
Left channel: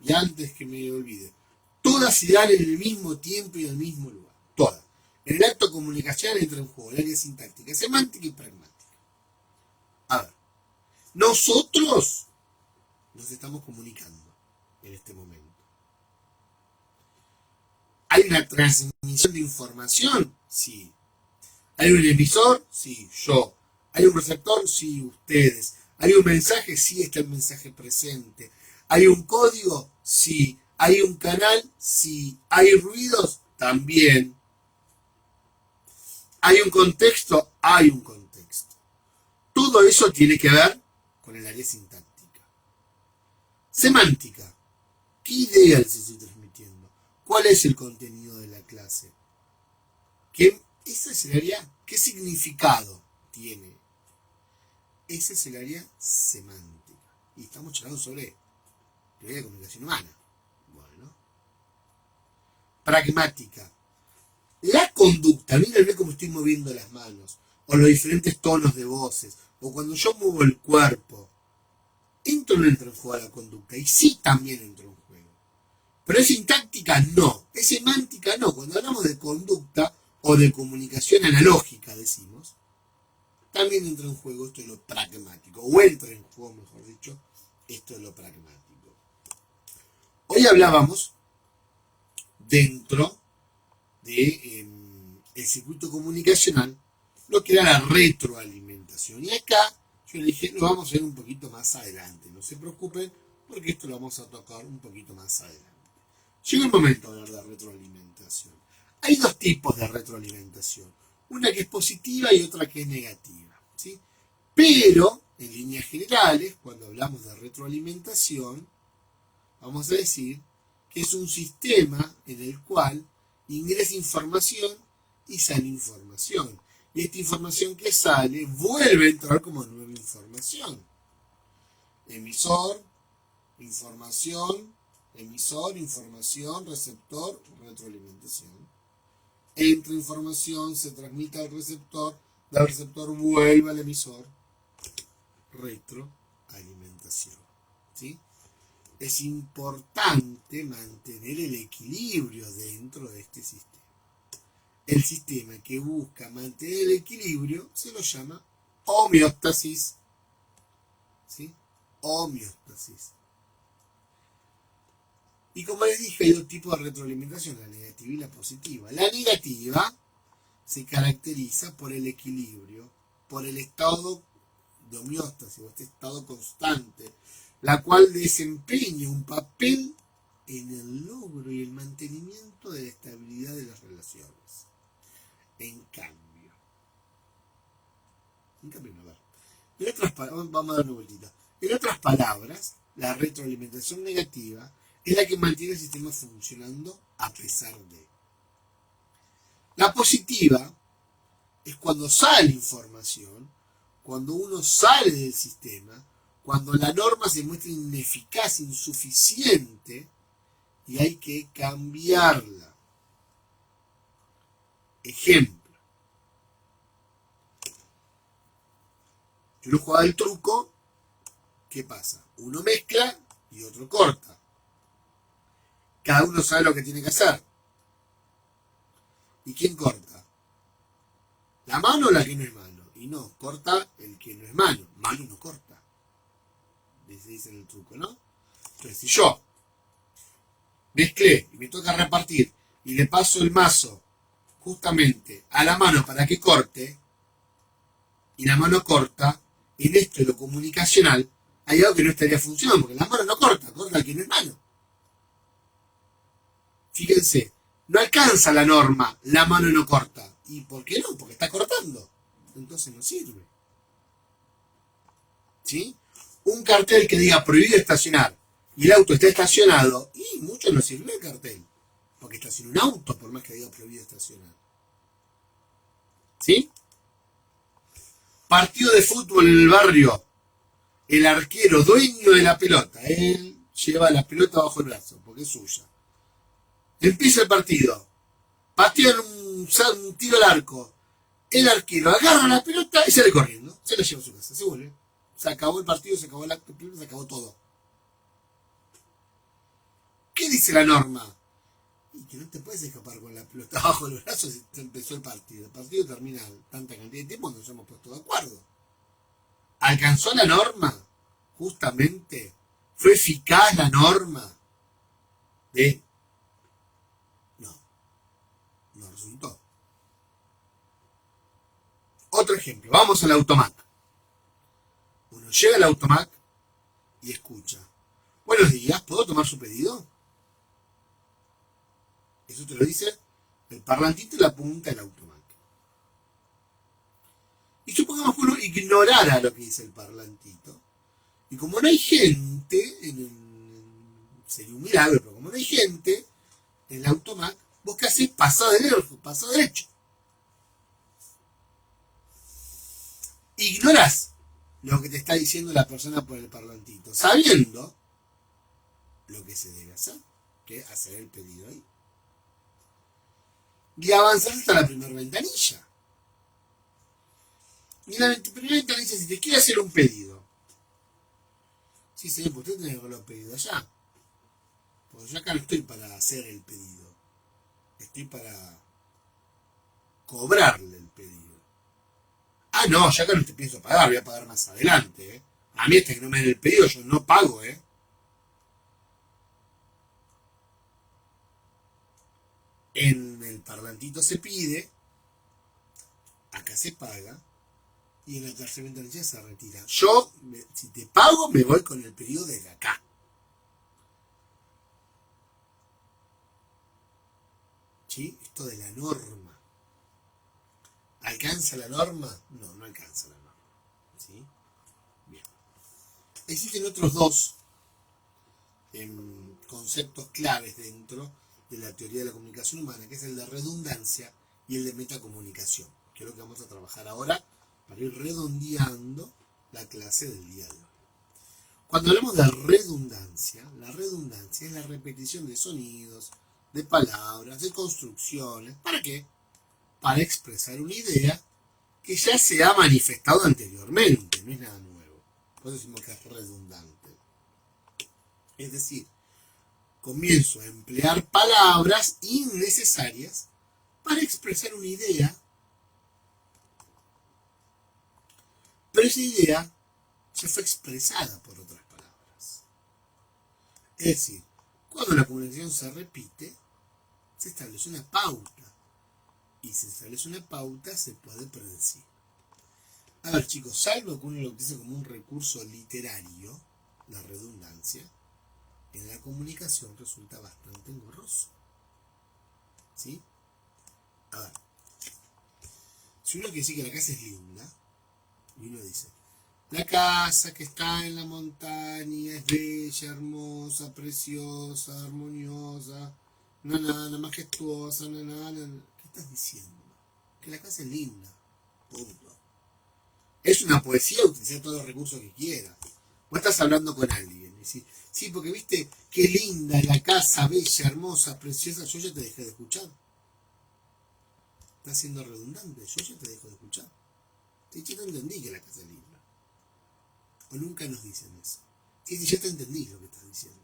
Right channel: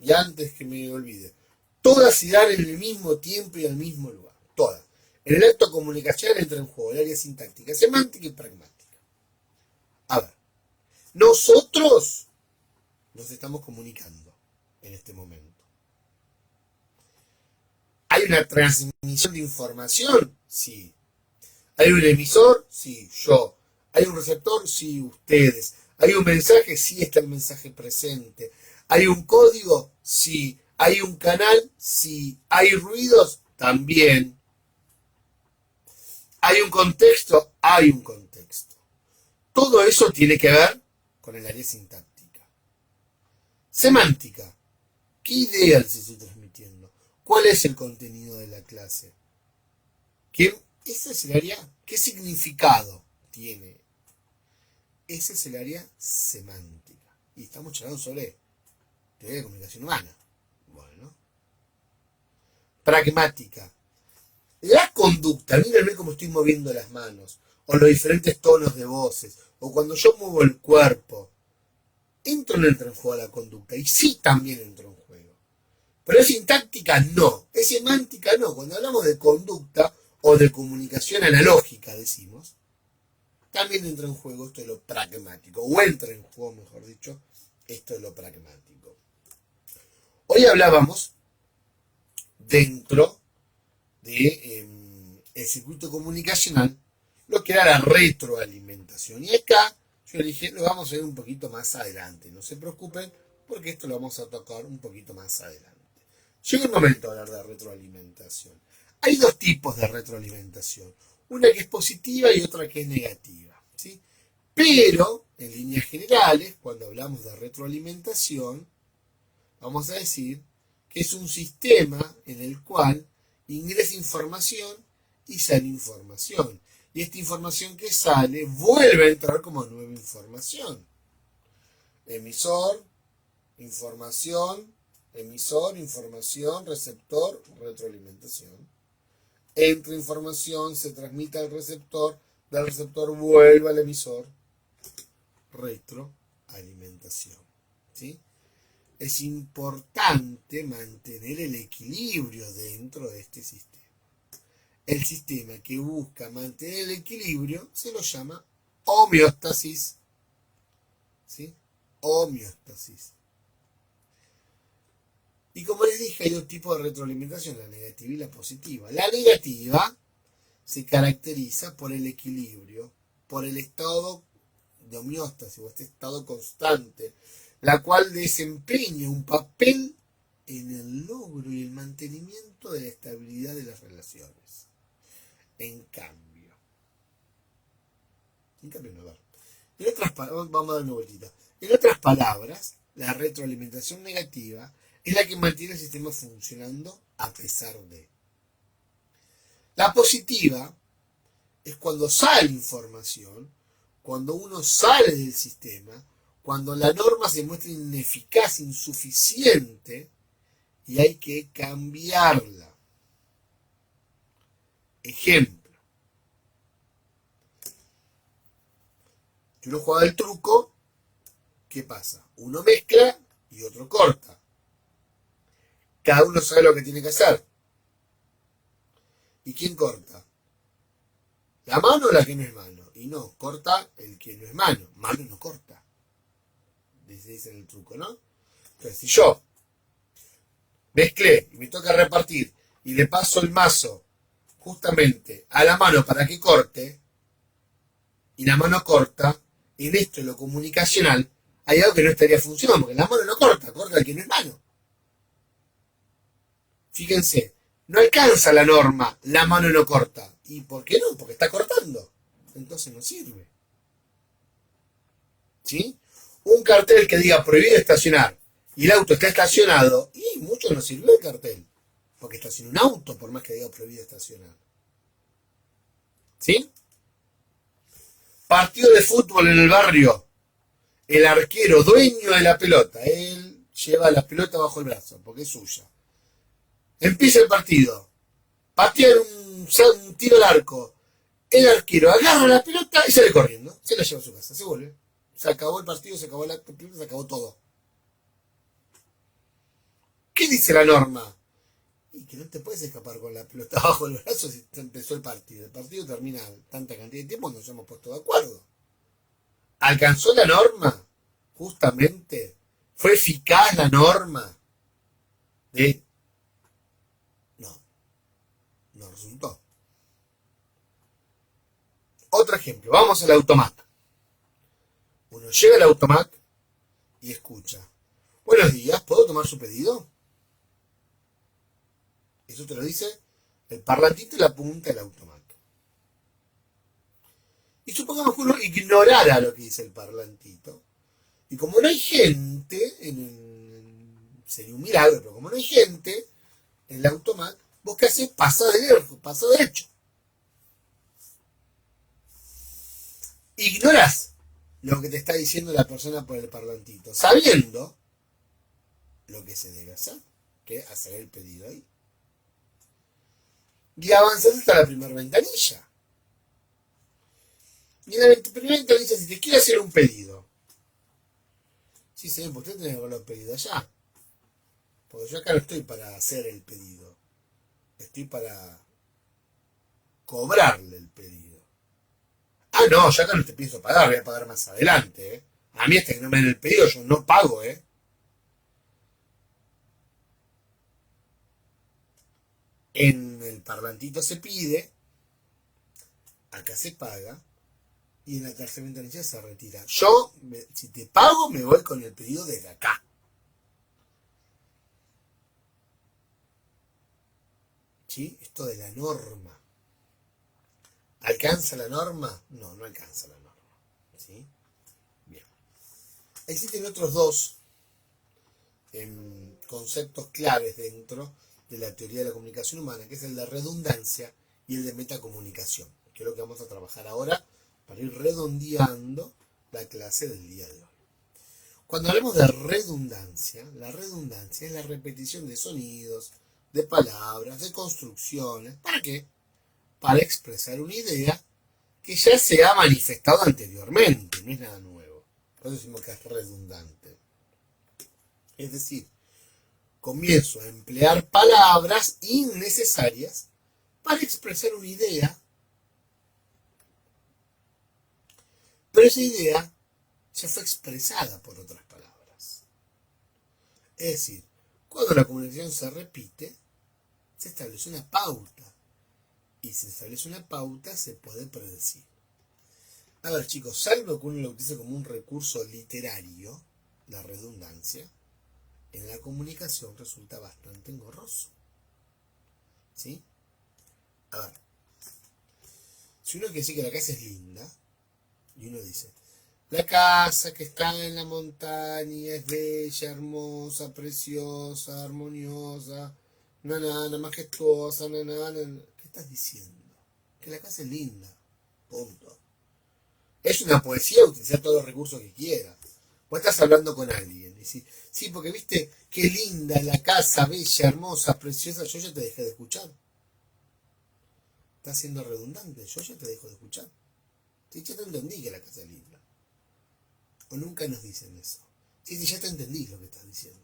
y antes que me olvide, todas se dan en el mismo tiempo y al mismo lugar, todas. En el acto comunicacional entra en juego el área sintáctica, semántica y pragmática. A ver, nosotros nos estamos comunicando en este momento. ¿Hay una transmisión de información? Sí. ¿Hay un emisor? Sí, yo. ¿Hay un receptor? Sí, ustedes. ¿Hay un mensaje? Sí, está el mensaje presente. ¿Hay un código? Sí. ¿Hay un canal? Sí. ¿Hay ruidos? También. ¿Hay un contexto? Hay un contexto. Todo eso tiene que ver con el área sintáctica. Semántica. ¿Qué idea les estoy transmitiendo? ¿Cuál es el contenido de la clase? Ese es el área. ¿Qué significado tiene? Ese es el área semántica. Y estamos charlando sobre teoría de comunicación humana. Bueno. Pragmática. La conducta, mírenme cómo estoy moviendo las manos, o los diferentes tonos de voces, o cuando yo muevo el cuerpo. ¿Entra o no entra en juego la conducta? Y sí, también entra en juego. Pero es sintáctica, no. Es semántica, no. Cuando hablamos de conducta o de comunicación analógica, decimos, también entra en juego esto de lo pragmático, o entra en juego, mejor dicho, esto de lo pragmático. Hoy hablábamos dentro de el circuito comunicacional lo que era la retroalimentación. Y acá yo le dije, lo vamos a ver un poquito más adelante. No se preocupen, porque esto lo vamos a tocar un poquito más adelante. Llegó el momento de hablar de retroalimentación. Hay dos tipos de retroalimentación. Una que es positiva y otra que es negativa, ¿sí? Pero, en líneas generales, cuando hablamos de retroalimentación, vamos a decir que es un sistema en el cual ingresa información y sale información. Y esta información que sale vuelve a entrar como nueva información. Emisor, información, emisor, información, receptor, retroalimentación. Entra información, se transmite al receptor, del receptor vuelve al emisor, retroalimentación. ¿Sí? Es importante mantener el equilibrio dentro de este sistema. El sistema que busca mantener el equilibrio se lo llama homeostasis. ¿Sí? Homeostasis. Y como les dije, hay dos tipos de retroalimentación, la negativa y la positiva. La negativa se caracteriza por el equilibrio, por el estado de homeostasis, o este estado constante, la cual desempeña un papel en el logro y el mantenimiento de la estabilidad de las relaciones. En cambio, no, a ver. Vamos a dar una vueltita. En otras palabras, la retroalimentación negativa es la que mantiene el sistema funcionando a pesar de. La positiva es cuando sale información, cuando uno sale del sistema, cuando la norma se muestra ineficaz, insuficiente, y hay que cambiarla. Ejemplo. Yo no jugaba el truco, ¿qué pasa? Uno mezcla y otro corta. Cada uno sabe lo que tiene que hacer. ¿Y quién corta? ¿La mano o la que no es mano? Y no, corta el que no es mano. Mano no corta. Dice en el truco, ¿no? Entonces, si yo mezclé y me toca repartir y le paso el mazo justamente a la mano para que corte, y la mano corta, y en esto, en lo comunicacional, hay algo que no estaría funcionando, porque la mano no corta, corta el que no es mano. Fíjense, no alcanza la norma, la mano no corta. ¿Y por qué no? Porque está cortando. Entonces no sirve. ¿Sí? Un cartel que diga prohibido estacionar y el auto está estacionado, y mucho no sirve el cartel, porque estaciona un auto por más que diga prohibido estacionar. ¿Sí? Partido de fútbol en el barrio. El arquero, dueño de la pelota, él lleva la pelota bajo el brazo, porque es suya. Empieza el partido. Patean un tiro al arco. El arquero agarra la pelota y sale corriendo. Se la lleva a su casa, se vuelve. Se acabó el partido, se acabó el acto, se acabó todo. ¿Qué dice la norma? Y que no te puedes escapar con la pelota bajo el brazo si empezó el partido. El partido termina tanta cantidad de tiempo, nos hemos puesto de acuerdo. ¿Alcanzó la norma? Justamente. ¿Fue eficaz la norma? No resultó. Otro ejemplo. Vamos al automac. Uno llega al automac y escucha. Buenos días, ¿puedo tomar su pedido? Eso te lo dice el parlantito y la punta del automac. Y supongamos que uno ignorara lo que dice el parlantito. Y como no hay gente, sería un milagro, pero como no hay gente en el automac, vos qué haces, pasa derecho. Ignorás lo que te está diciendo la persona por el parlantito, sabiendo lo que se debe hacer, que es hacer el pedido ahí. Y avanzar hasta la primera ventanilla. Y en la primera ventanilla, si te quiere hacer un pedido, sí, señor, usted tiene que haberlo pedido allá. Porque yo acá no estoy para hacer el pedido. Estoy para cobrarle el pedido. Ah, no, yo acá no te pienso pagar, voy a pagar más adelante, ¿eh? A mí hasta que no me den el pedido yo no pago, ¿eh? En el parlantito se pide, acá se paga, y en la tercera ventanilla se retira. Yo, si te pago, me voy con el pedido desde acá. ¿Sí? Esto de la norma. ¿Alcanza la norma? No, no alcanza la norma. ¿Sí? Bien. Existen otros dos conceptos claves dentro de la teoría de la comunicación humana, que es el de redundancia y el de metacomunicación, que es lo que vamos a trabajar ahora para ir redondeando la clase del día de hoy. Cuando hablamos de redundancia, la redundancia es la repetición de sonidos, de palabras, de construcciones. ¿Para qué? Para expresar una idea que ya se ha manifestado anteriormente, no es nada nuevo. Por eso decimos que es redundante. Es decir, comienzo a emplear palabras innecesarias para expresar una idea, pero esa idea ya fue expresada por otras palabras. Es decir, cuando la comunicación se repite, se establece una pauta. Y si se establece una pauta, se puede predecir. A ver, chicos, salvo que uno lo utilice como un recurso literario, la redundancia, en la comunicación resulta bastante engorroso. ¿Sí? A ver, si uno quiere decir que la casa es linda, y uno dice, la casa que está en la montaña es bella, hermosa, preciosa, armoniosa, nana, majestuosa, nana. ¿Qué estás diciendo? Que la casa es linda. Punto. Es una poesía, utilizar todos los recursos que quieras. Vos estás hablando con alguien y decís, sí, porque viste qué linda la casa, bella, hermosa, preciosa, yo ya te dejé de escuchar. Estás siendo redundante, yo ya te dejo de escuchar. Sí, yo te entendí que la casa es linda. O nunca nos dicen eso. Sí, ya te entendí lo que estás diciendo.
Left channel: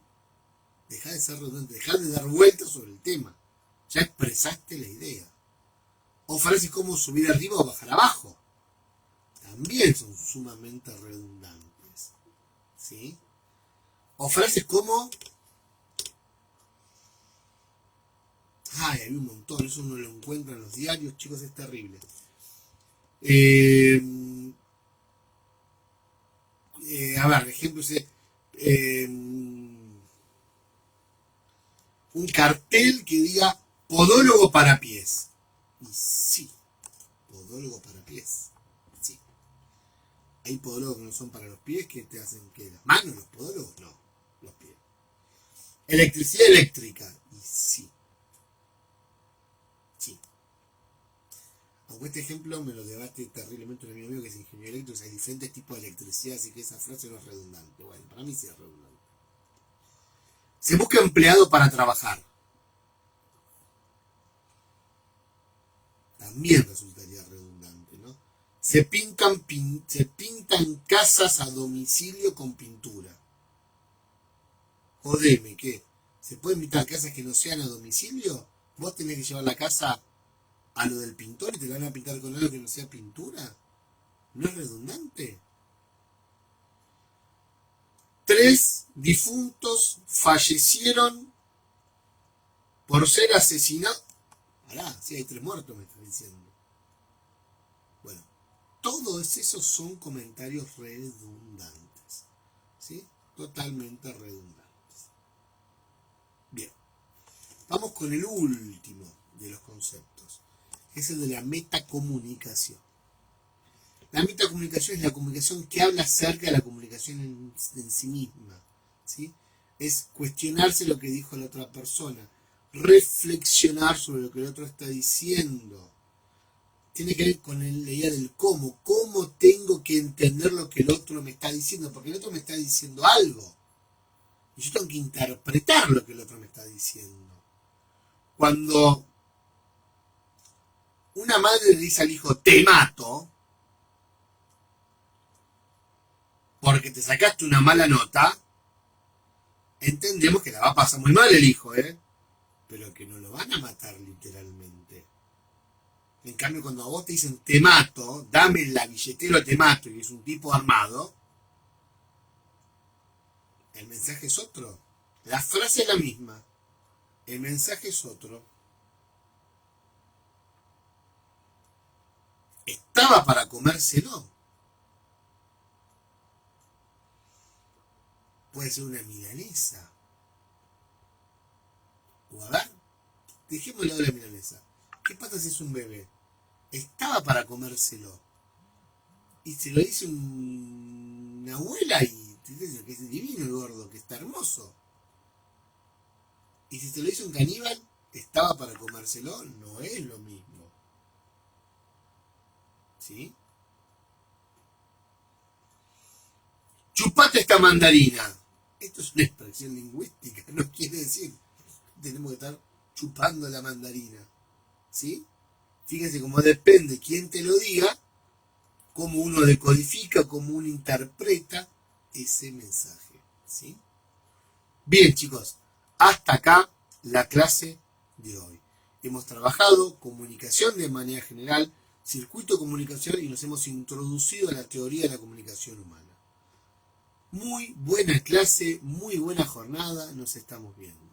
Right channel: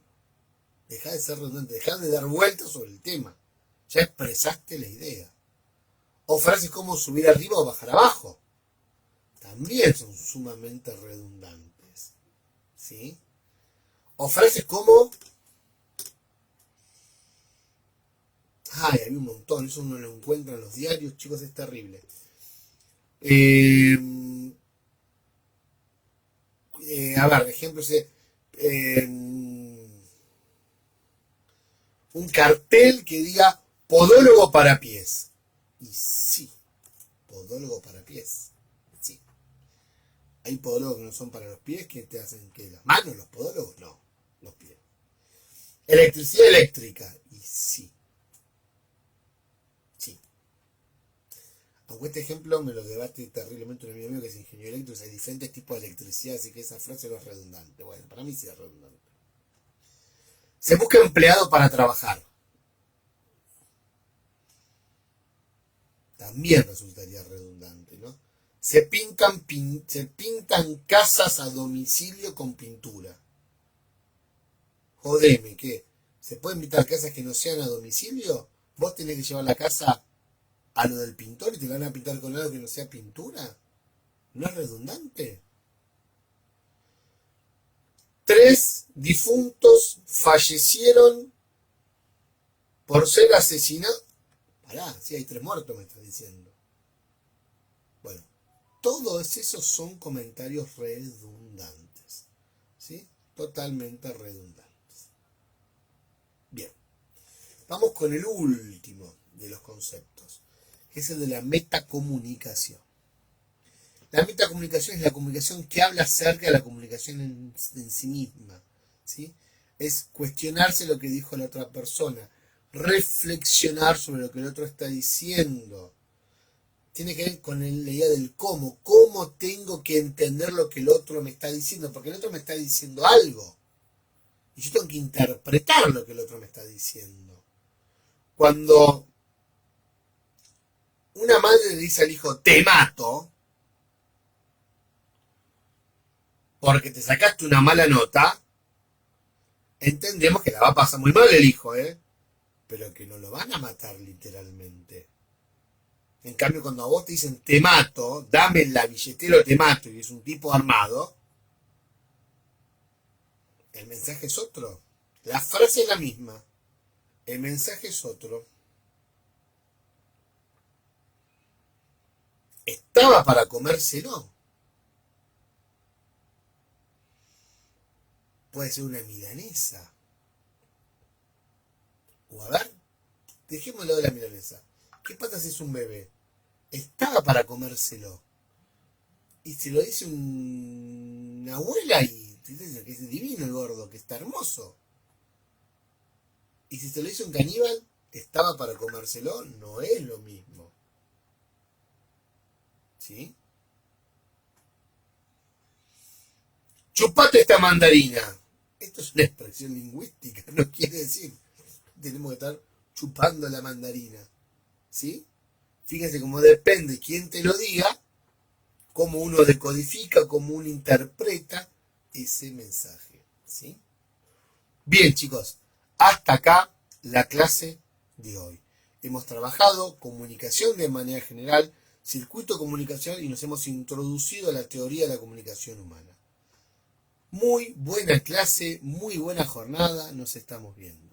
Dejá de ser redundante, dejá de dar vueltas sobre el tema. Ya expresaste la idea. O frases como subir arriba o bajar abajo. También son sumamente redundantes. ¿Sí? O frases como... Ay, hay un montón, eso uno lo encuentra en los diarios, chicos, es terrible. A ver, ejemplo, un cartel que diga podólogo para pies. Y sí, podólogo para pies. Sí. Hay podólogos que no son para los pies, que te hacen que las manos, los podólogos, no, los pies. Electricidad eléctrica. Y sí. Sí. Aunque este ejemplo me lo debate terriblemente un amigo mío que es ingeniero eléctrico, hay diferentes tipos de electricidad, así que esa frase no es redundante. Bueno, para mí sí es redundante. Se busca empleado para trabajar. También resultaría redundante, ¿no? Se pintan casas a domicilio con pintura. Jodeme, ¿qué? ¿Se pueden pintar casas que no sean a domicilio? ¿Vos tenés que llevar la casa a lo del pintor y te la van a pintar con algo que no sea pintura? ¿No es redundante? 3 difuntos fallecieron por ser asesinados. Pará, sí, hay 3 muertos, me estás diciendo. Bueno, todos esos son comentarios redundantes. ¿Sí? Totalmente redundantes. Bien. Vamos con el último de los conceptos, que es el de la metacomunicación. La metacomunicación es la comunicación que habla acerca de la comunicación en sí misma. ¿Sí? Es cuestionarse lo que dijo la otra persona, reflexionar sobre lo que el otro está diciendo. Tiene que ver con la idea del cómo. ¿Cómo tengo que entender lo que el otro me está diciendo? Porque el otro me está diciendo algo. Y yo tengo que interpretar lo que el otro me está diciendo. Cuando una madre le dice al hijo, te mato, porque te sacaste una mala nota, entendemos que la va a pasar muy mal el hijo, pero que no lo van a matar literalmente. En cambio, cuando a vos te dicen te mato, dame la billetera o te mato, y es un tipo armado, el mensaje es otro. La frase es la misma, el mensaje es otro. Estaba para comérselo. Puede ser una milanesa. O a ver, dejémoslo de la milanesa. ¿Qué pasa si es un bebé? Estaba para comérselo. Y se lo dice una abuela y te dice que es divino el gordo, que está hermoso. Y si se lo dice un caníbal, estaba para comérselo, no es lo mismo. ¿sí? Chupate esta mandarina. Esto es una expresión lingüística, no quiere decir que tenemos que estar chupando la mandarina, ¿sí? Fíjense cómo depende quién te lo diga, cómo uno decodifica, cómo uno interpreta ese mensaje, ¿sí? Bien, chicos, hasta acá la clase de hoy. Hemos trabajado comunicación de manera general, circuito de comunicación y nos hemos introducido a la teoría de la comunicación humana. Muy buena clase, muy buena jornada, nos estamos viendo.